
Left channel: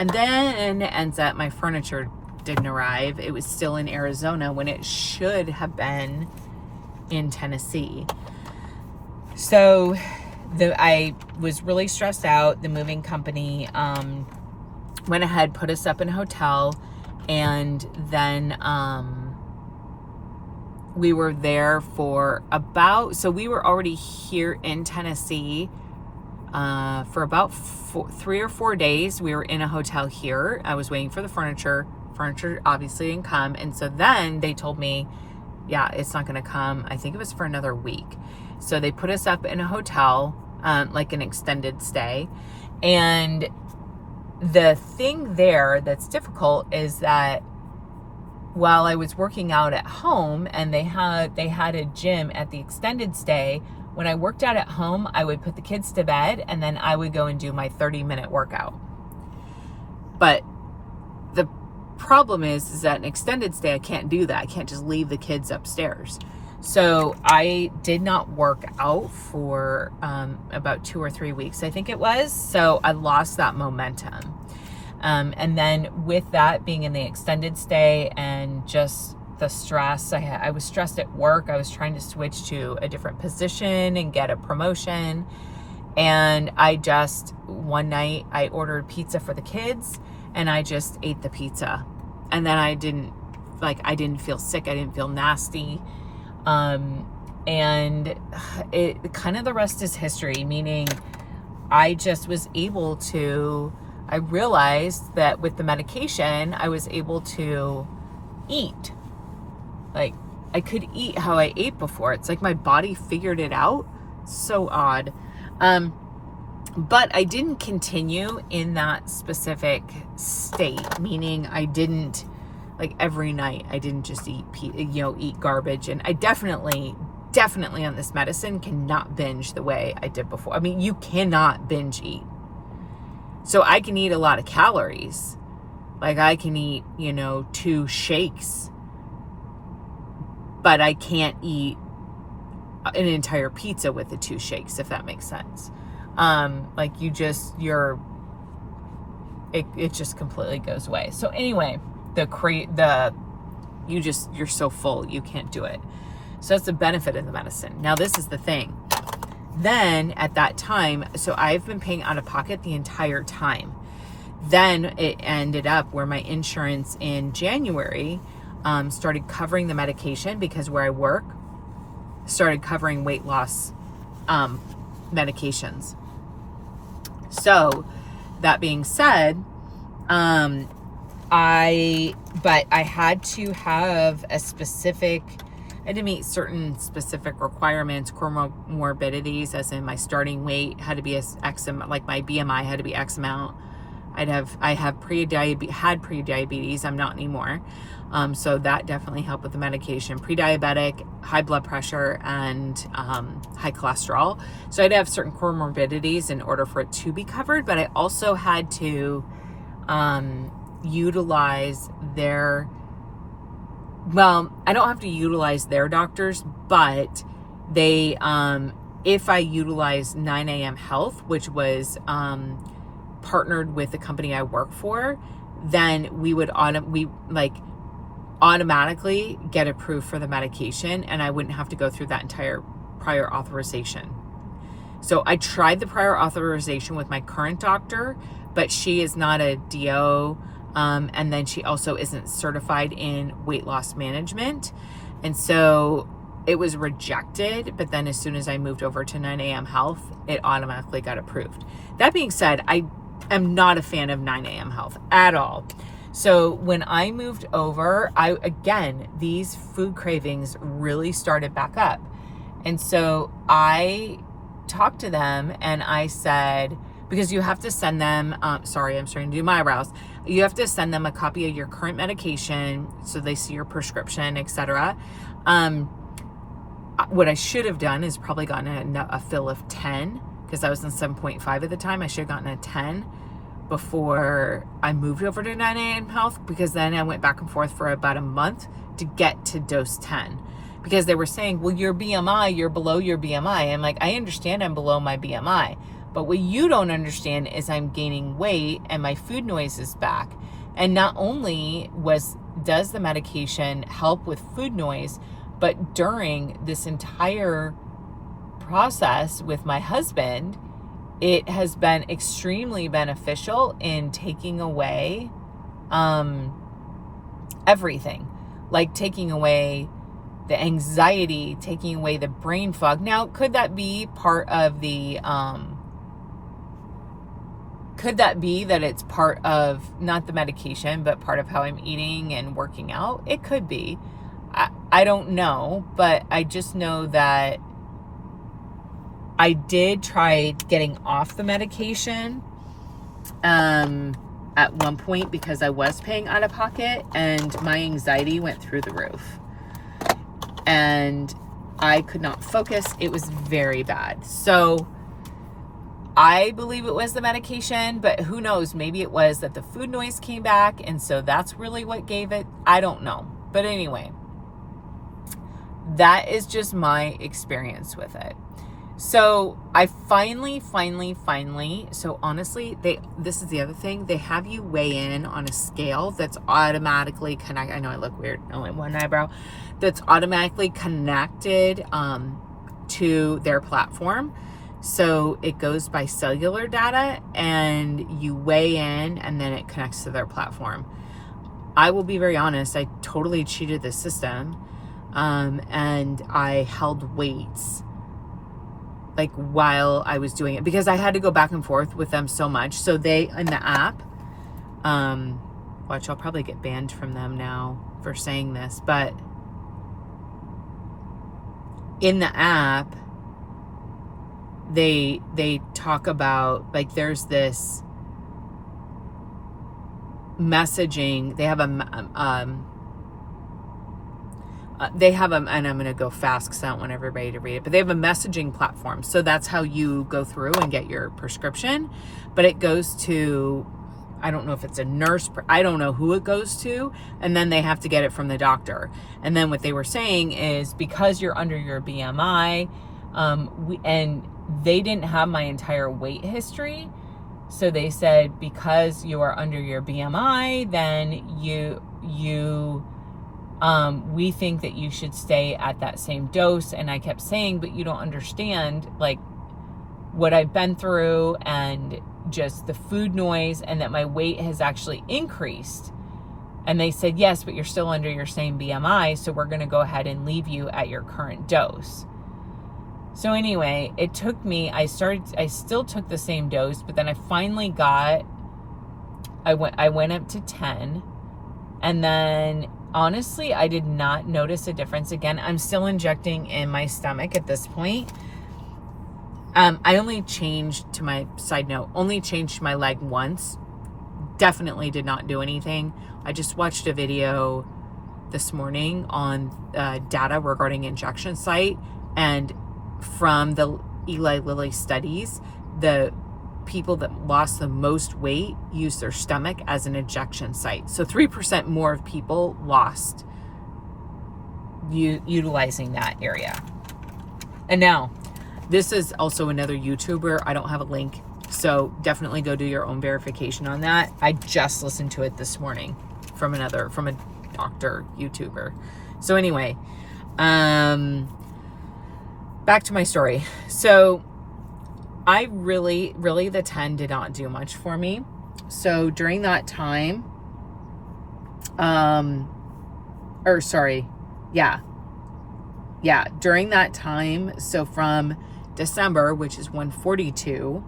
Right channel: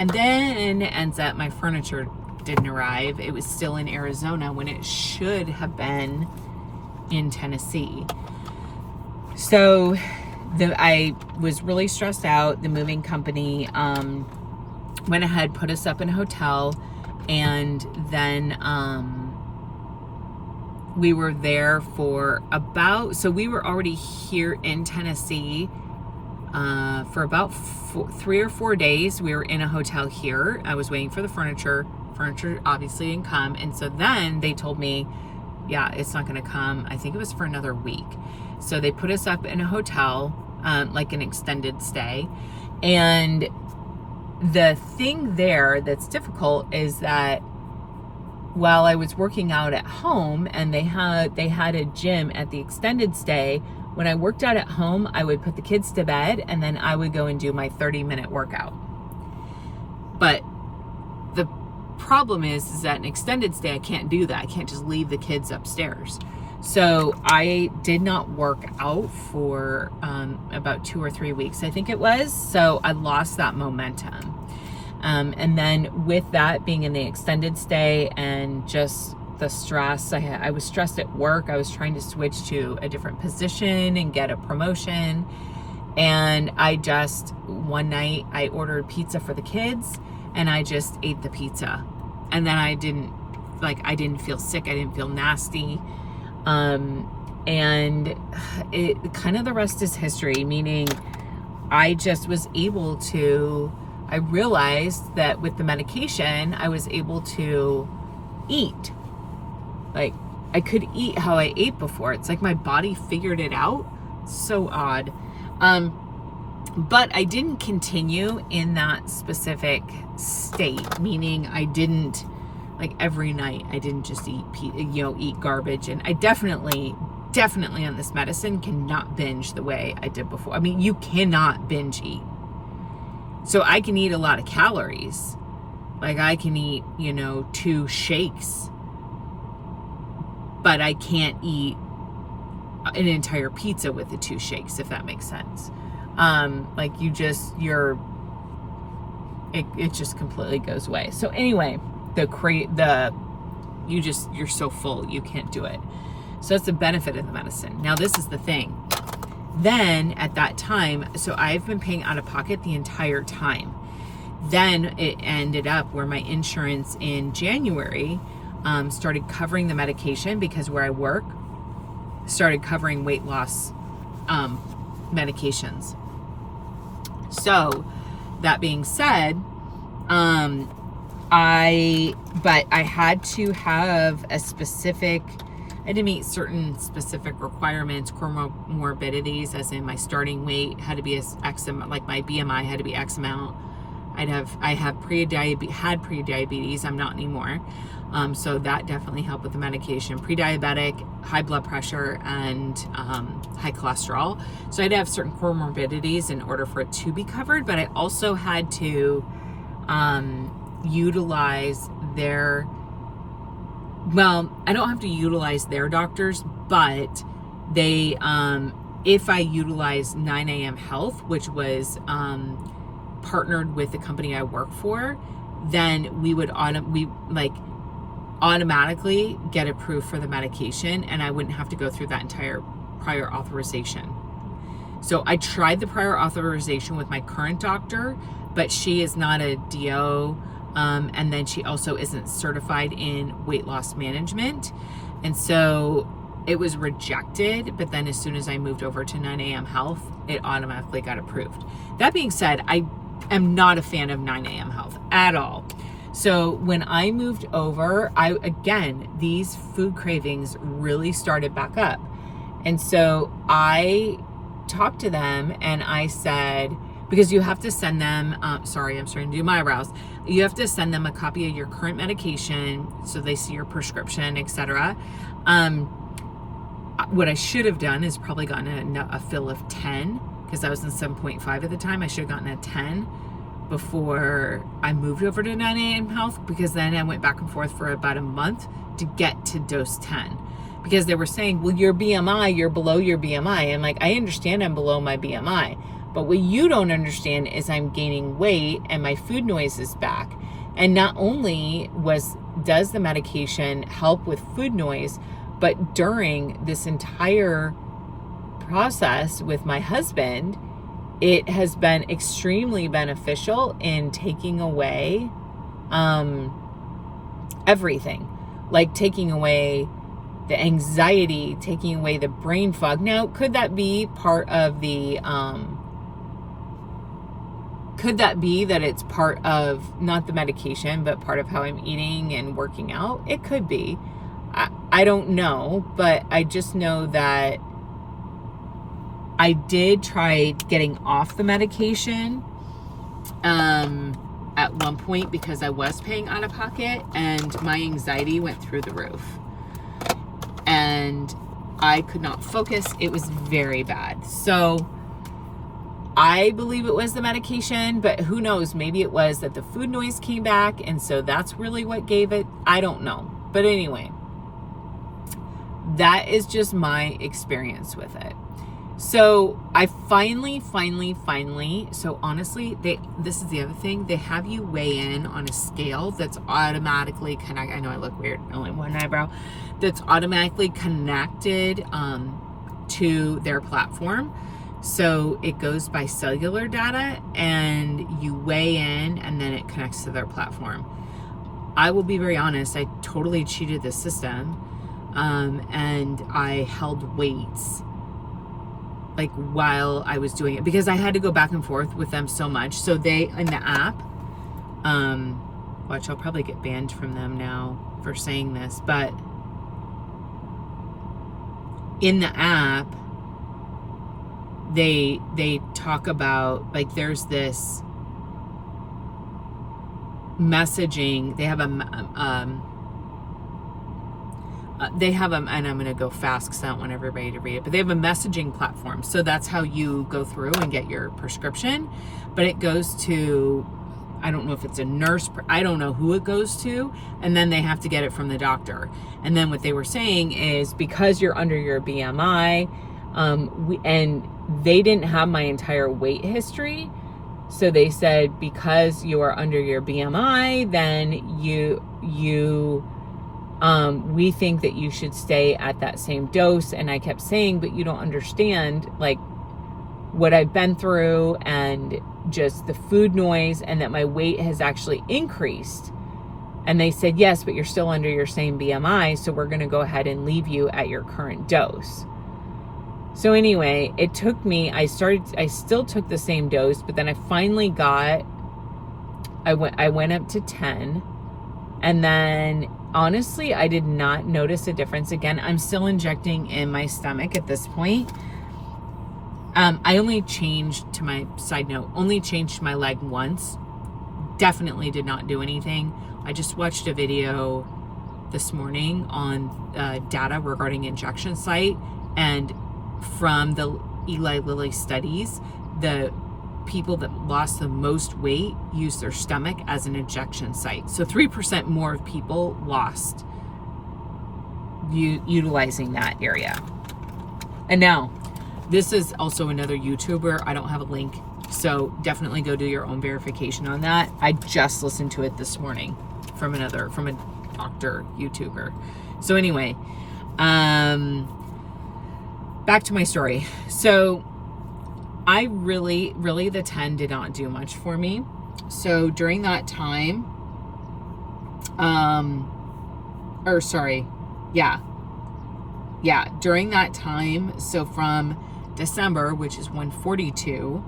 And then it ends up my furniture didn't arrive. It was still in Arizona when it should have been in Tennessee. So I was really stressed out. The moving company went ahead, put us up in a hotel, and then we were there for so we were already here in Tennessee for about 3 or 4 days. We were in a hotel here. I was waiting for the furniture. Furniture obviously didn't come, and so then they told me, yeah, it's not going to come. I think it was for another week. So they put us up in a hotel, like an extended stay. And the thing there that's difficult is that while I was working out at home and they had a gym at the extended stay, when I worked out at home, I would put the kids to bed and then I would go and do my 30-minute workout. But the problem is that an extended stay, I can't do that. I can't just leave the kids upstairs. So I did not work out for about 2 or 3 weeks, I think it was. So I lost that momentum. And then with that being in the extended stay and just the stress, I was stressed at work. I was trying to switch to a different position and get a promotion. And one night I ordered pizza for the kids and I just ate the pizza. And then I didn't feel sick. I didn't feel nasty. And it kind of, the rest is history, meaning I just was able to, I realized that with the medication, I was able to eat. Like I could eat how I ate before. It's like my body figured it out. So odd. But I didn't continue in that specific state, meaning I didn't, like every night, I didn't just eat garbage. And I definitely on this medicine cannot binge the way I did before. I mean, you cannot binge eat. So I can eat a lot of calories. Like I can eat, 2 shakes, but I can't eat an entire pizza with the 2 shakes, if that makes sense. It just completely goes away. So anyway, you're so full, you can't do it. So that's the benefit of the medicine. Now this is the thing. Then at that time, so I've been paying out of pocket the entire time. Then it ended up where my insurance in January started covering the medication, because where I work started covering weight loss medications. So that being said, I had to have I had to meet certain specific requirements, comorbidities, as in my starting weight had to be X amount, like my BMI had to be X amount. I had pre-diabetes. I'm not anymore. So that definitely helped with the medication. Pre-diabetic, high blood pressure, and high cholesterol. So I had to have certain comorbidities in order for it to be covered, but I also had to utilize I don't have to utilize their doctors, but they, if I utilize 9 a.m. Health, which was partnered with the company I work for, then we would automatically get approved for the medication, and I wouldn't have to go through that entire prior authorization. So I tried the prior authorization with my current doctor, but she is not a DO, and then she also isn't certified in weight loss management. And so it was rejected, but then as soon as I moved over to 9 a.m. Health, it automatically got approved. That being said, I am not a fan of 9 a.m. Health at all. So when I moved over, these food cravings really started back up. And so I talked to them and I said, because you have to send them, sorry, I'm starting to do my eyebrows. You have to send them a copy of your current medication so they see your prescription, etc. What I should have done is probably gotten a fill of 10, because I was in 7.5 at the time. I should have gotten a 10 before I moved over to 9 a.m. Health, because then I went back and forth for about a month to get to dose 10, because they were saying, well, your BMI, you're below your BMI. I'm like, I understand I'm below my BMI, but what you don't understand is I'm gaining weight and my food noise is back. And not only does the medication help with food noise, but during this entire process with my husband, it has been extremely beneficial in taking away everything, like taking away the anxiety, taking away the brain fog. Now, could that be part of the, could that be that it's part of not the medication, but part of how I'm eating and working out? It could be. I don't know, but I just know that I did try getting off the medication at one point, because I was paying out of pocket and my anxiety went through the roof. And I could not focus. It was very bad. So I believe it was the medication, but who knows? Maybe it was that the food noise came back, and so that's really what gave it. I don't know. But anyway, that is just my experience with it. So I finally, so honestly, this is the other thing, they have you weigh in on a scale that's automatically connected. I know I look weird, only one eyebrow, that's automatically connected to their platform. So it goes by cellular data, and you weigh in, and then it connects to their platform. I will be very honest, I totally cheated the system, and I held weights like while I was doing it, because I had to go back and forth with them so much. So they, in the app, watch, I'll probably get banned from them now for saying this, but in the app, they talk about, like, there's this messaging. They have and I'm going to go fast because I don't want everybody to read it, but they have a messaging platform. So that's how you go through and get your prescription, but it goes to, I don't know if it's a nurse, I don't know who it goes to, and then they have to get it from the doctor. And then what they were saying is, because you're under your BMI, and they didn't have my entire weight history, so they said, because you are under your BMI, then we think that you should stay at that same dose. And I kept saying, but you don't understand, like, what I've been through and just the food noise, and that my weight has actually increased. And they said, yes, but you're still under your same BMI, so we're going to go ahead and leave you at your current dose. So anyway, it took me, I still took the same dose, but then I finally I went up to 10. And then honestly, I did not notice a difference. Again, I'm still injecting in my stomach at this point. I only changed, to my side note, only changed my leg once. Definitely did not do anything. I just watched a video this morning on data regarding injection site, and from the Eli Lilly studies, the people that lost the most weight used their stomach as an injection site. So 3% more of people lost utilizing that area. And now, this is also another YouTuber. I don't have a link, so definitely go do your own verification on that. I just listened to it this morning from a doctor YouTuber. So anyway, back to my story. So I really, the 10 did not do much for me. So during that time, during that time, so from December, which is 142,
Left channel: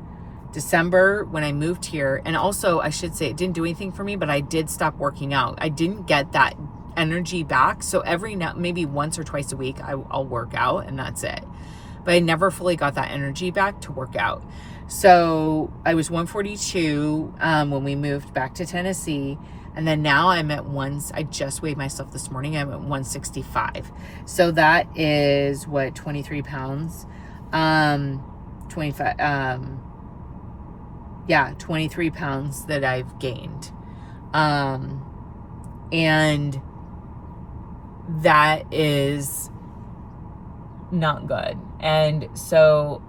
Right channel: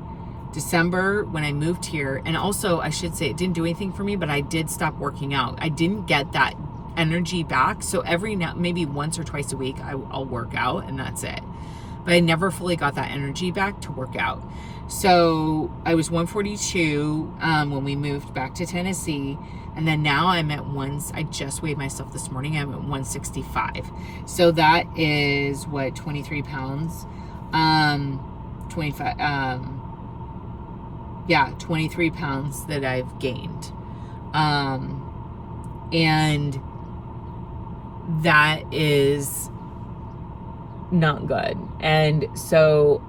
December when I moved here, and also I should say it didn't do anything for me, but I did stop working out. I didn't get that energy back. So maybe once or twice a week, I'll work out, and that's it. But I never fully got that energy back to work out. So I was 142 when we moved back to Tennessee. And then now I'm at I just weighed myself this morning. I'm at 165. So that is 23 pounds. 23 pounds that I've gained. And that is not good. And so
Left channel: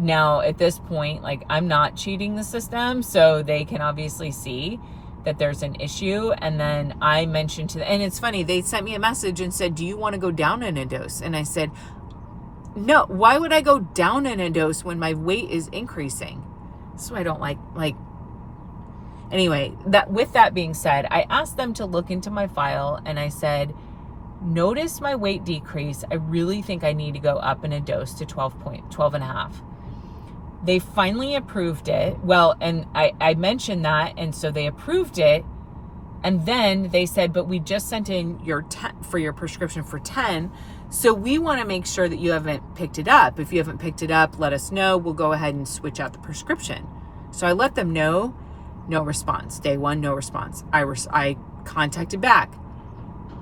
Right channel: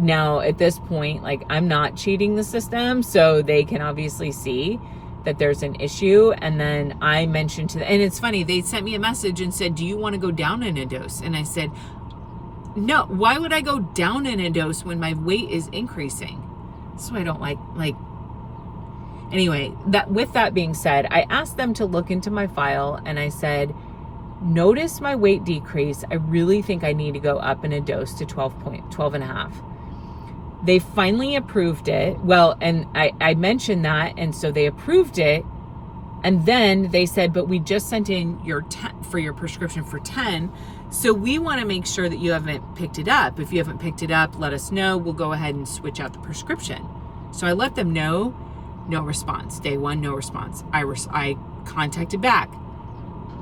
now at this point, like, I'm not cheating the system, so they can obviously see that there's an issue. And then I mentioned to them, and it's funny, they sent me a message and said, do you want to go down in a dose? And I said, no, why would I go down in a dose when my weight is increasing? So I don't like, anyway, with that being said, I asked them to look into my file, and I said, notice my weight decrease. I really think I need to go up in a dose to 12 and a half. They finally approved it. Well, and I mentioned that, and so they approved it. And then they said, but we just sent in your prescription for 10. So we want to make sure that you haven't picked it up. If you haven't picked it up, let us know. We'll go ahead and switch out the prescription. So I let them know, no response. Day 1, no response. I contacted back.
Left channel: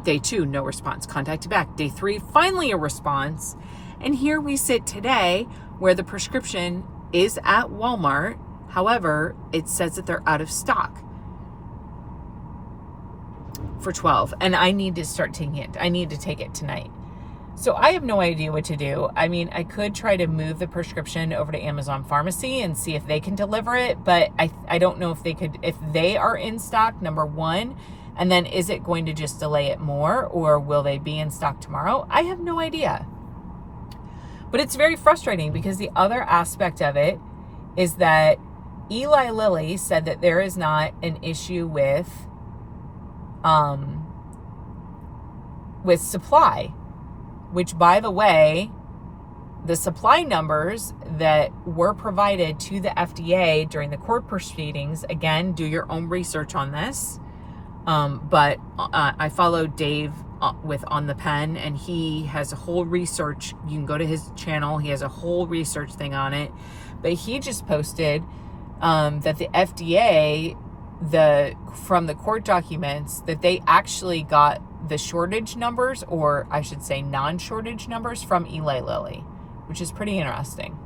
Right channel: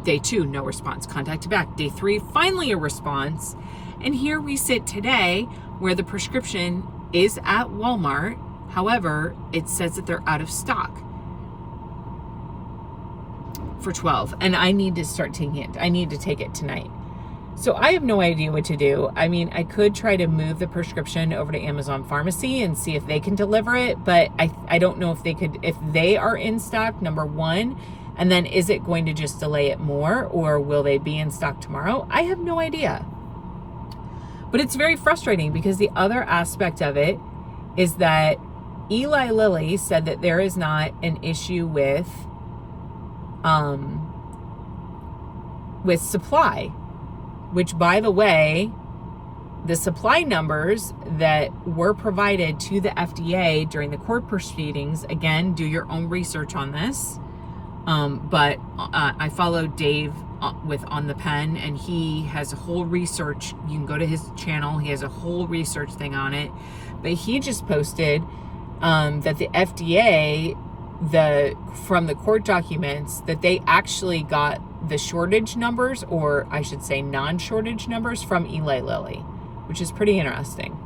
Day 2, no response. Contacted back. Day 3, finally a response. And here we sit today where the prescription is at Walmart. However, it says that they're out of stock for 12. And I need to start taking it. I need to take it tonight. So I have no idea what to do. I mean, I could try to move the prescription over to Amazon Pharmacy and see if they can deliver it. But I don't know if they are in stock, number one. And then is it going to just delay it more, or will they be in stock tomorrow? I have no idea. But it's very frustrating because the other aspect of it is that Eli Lilly said that there is not an issue with supply, which, by the way, the supply numbers that were provided to the FDA during the court proceedings, again, do your own research on this. But I follow Dave with On the Pen, and he has a whole research. You can go to his channel. He has a whole research thing on it. But he just posted that the FDA, from the court documents, that they actually got the shortage numbers, or I should say non-shortage numbers, from Eli Lilly, which is pretty interesting.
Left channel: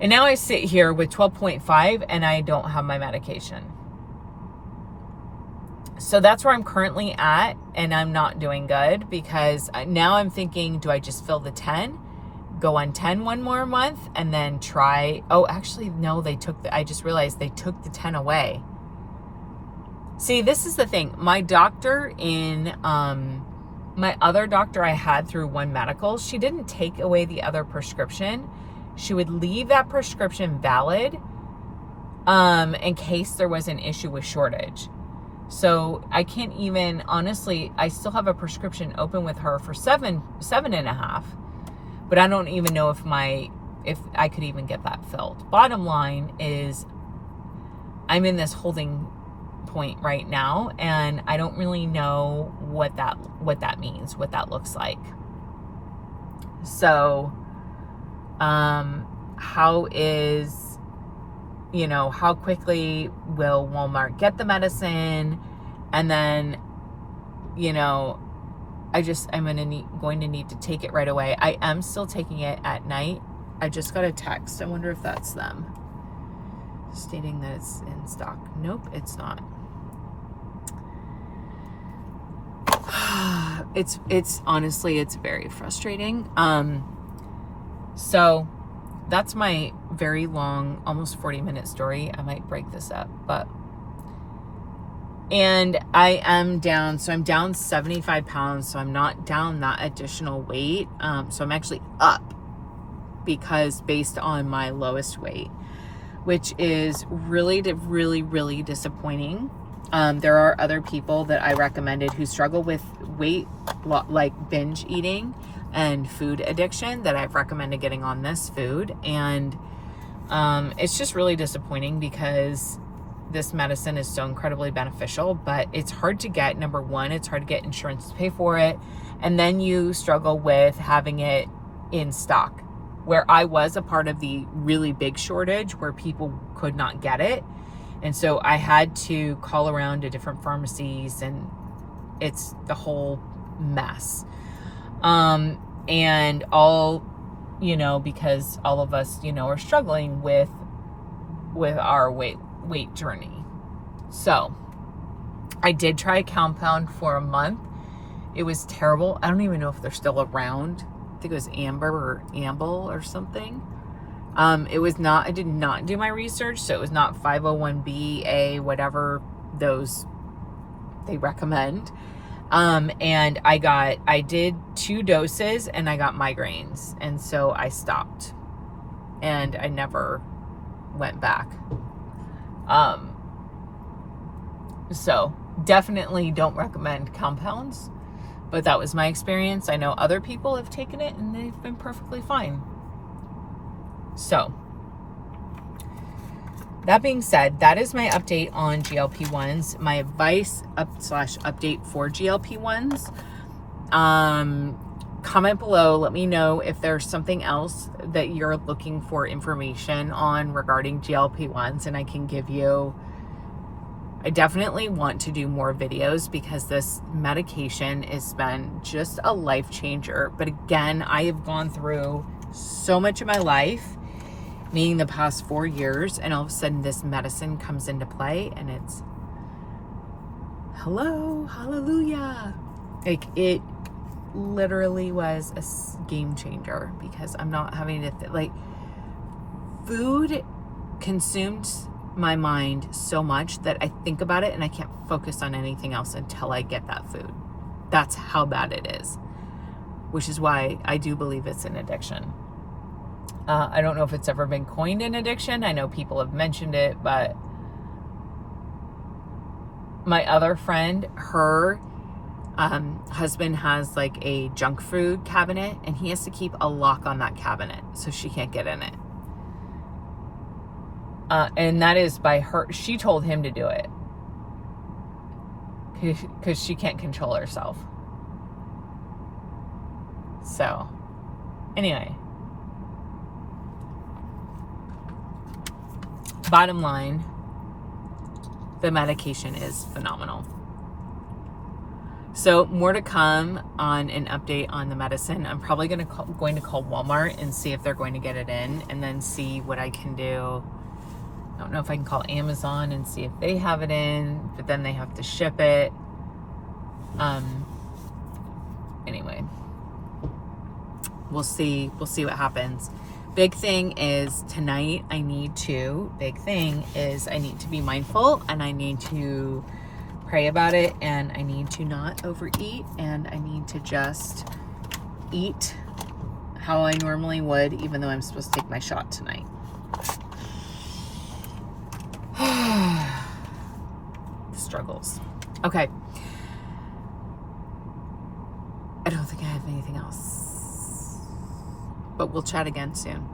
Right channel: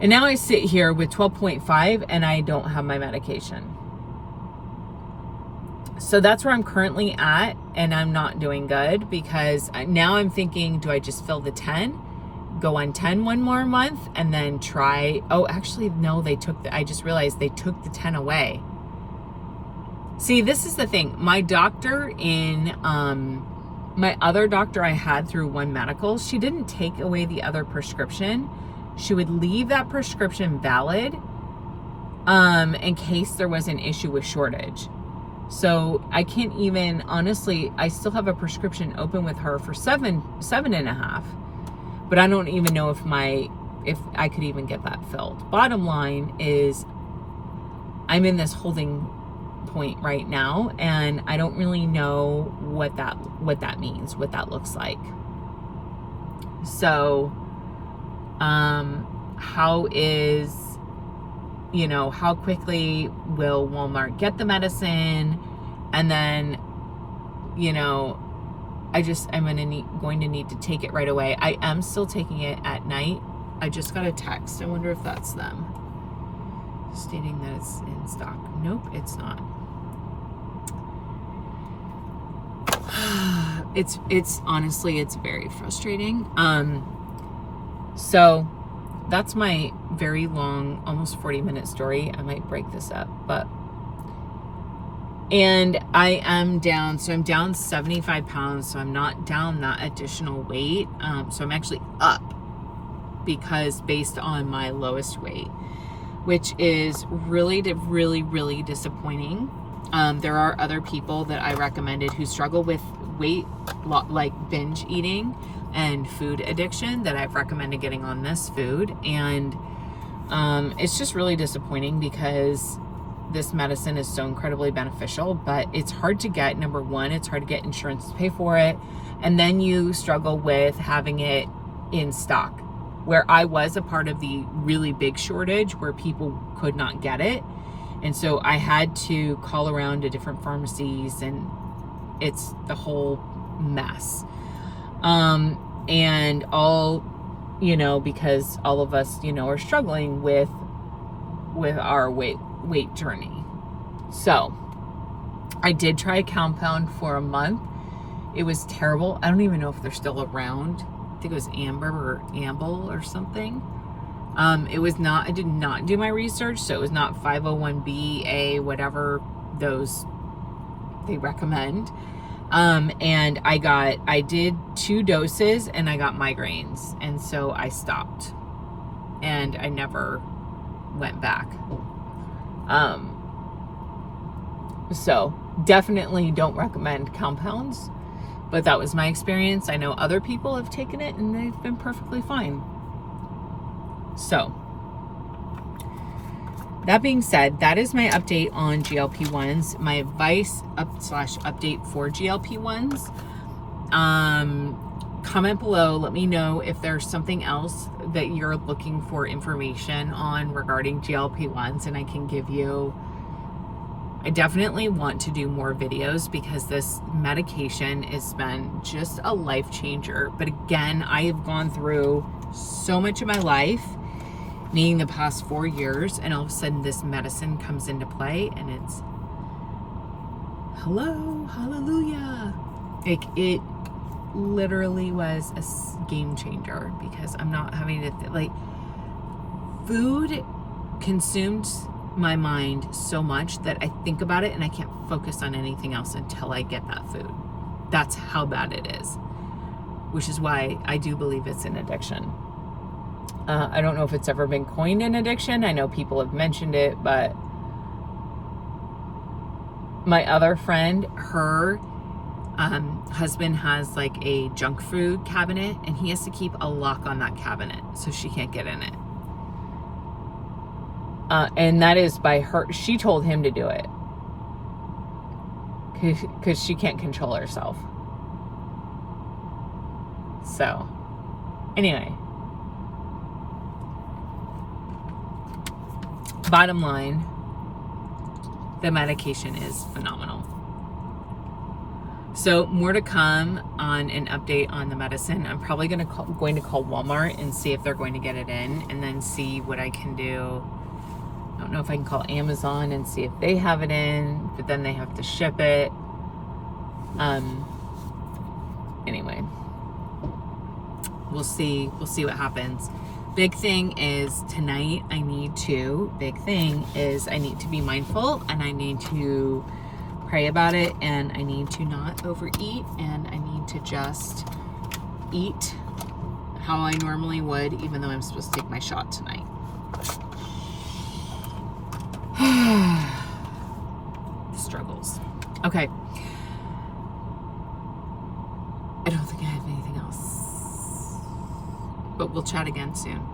And now I sit here with 12.5 and I don't have my medication. So that's where I'm currently at, and I'm not doing good because now I'm thinking, do I just fill the 10, go on 10 one more month, and then try, actually, no, I just realized they took the 10 away. See, this is the thing. My doctor my other doctor I had through One Medical, she didn't take away the other prescription. she would leave that prescription valid in case there was an issue with shortage. So I can't even, honestly, I still have a prescription open with her for 7.5, but I don't even know if I could even get that filled. Bottom line is I'm in this holding point right now, and I don't really know what that means, what that looks like. So, how quickly will Walmart get the medicine? And then, I'm going to need to take it right away. I am still taking it at night. I just got a text. I wonder if that's them stating that it's in stock. Nope, it's not. It's honestly, it's very frustrating. So that's my very long, almost 40-minute story. I might break this up, and I am down. So I'm down 75 pounds. So I'm not down that additional weight. So I'm actually up, because based on my lowest weight, which is really, really, really disappointing. There are other people that I recommended who struggle with like binge eating and food addiction, that I've recommended getting on this food. And it's just really disappointing, because this medicine is so incredibly beneficial, but it's hard to get. Number one, it's hard to get insurance to pay for it. And then you struggle with having it in stock, where I was a part of the really big shortage where people could not get it. And so I had to call around to different pharmacies, and it's the whole mess. And all, because all of us, are struggling with our weight journey. So I did try a compound for a month. It was terrible. I don't even know if they're still around. I think it was Amble or something. It was not, I did not do my research, so it was not 501B, whatever those they recommend. And I did 2 doses, and I got migraines, and so I stopped, and I never went back. So definitely don't recommend compounds, but that was my experience. I know other people have taken it and they've been perfectly fine. So that being said, that is my update on GLP-1s, my advice update for GLP-1s. Comment below, let me know if there's something else that you're looking for information on regarding GLP-1s, and I can give you. I definitely want to do more videos, because this medication has been just a life changer. But again, I have gone through so much of my life, meaning the past 4 years, and all of a sudden this medicine comes into play, and it's hello, hallelujah. Like, it literally was a game changer, because I'm not having to food consumed my mind so much that I think about it and I can't focus on anything else until I get that food. That's how bad it is, which is why I do believe it's an addiction. I don't know if it's ever been coined an addiction. I know people have mentioned it, but my other friend, her husband has like a junk food cabinet, and he has to keep a lock on that cabinet so she can't get in it. And that is by her. She told him to do it because she can't control herself. So anyway, bottom line, the medication is phenomenal. So more to come on an update on the medicine. I'm probably going to call Walmart and see if they're going to get it in, and then see what I can do. I don't know if I can call Amazon and see if they have it in, but then they have to ship it. Anyway, we'll see what happens. Big thing is tonight I need to be mindful, and I need to pray about it, and I need to not overeat, and I need to just eat how I normally would, even though I'm supposed to take my shot tonight. Struggles. Okay. I don't think I have anything else, but we'll chat again soon.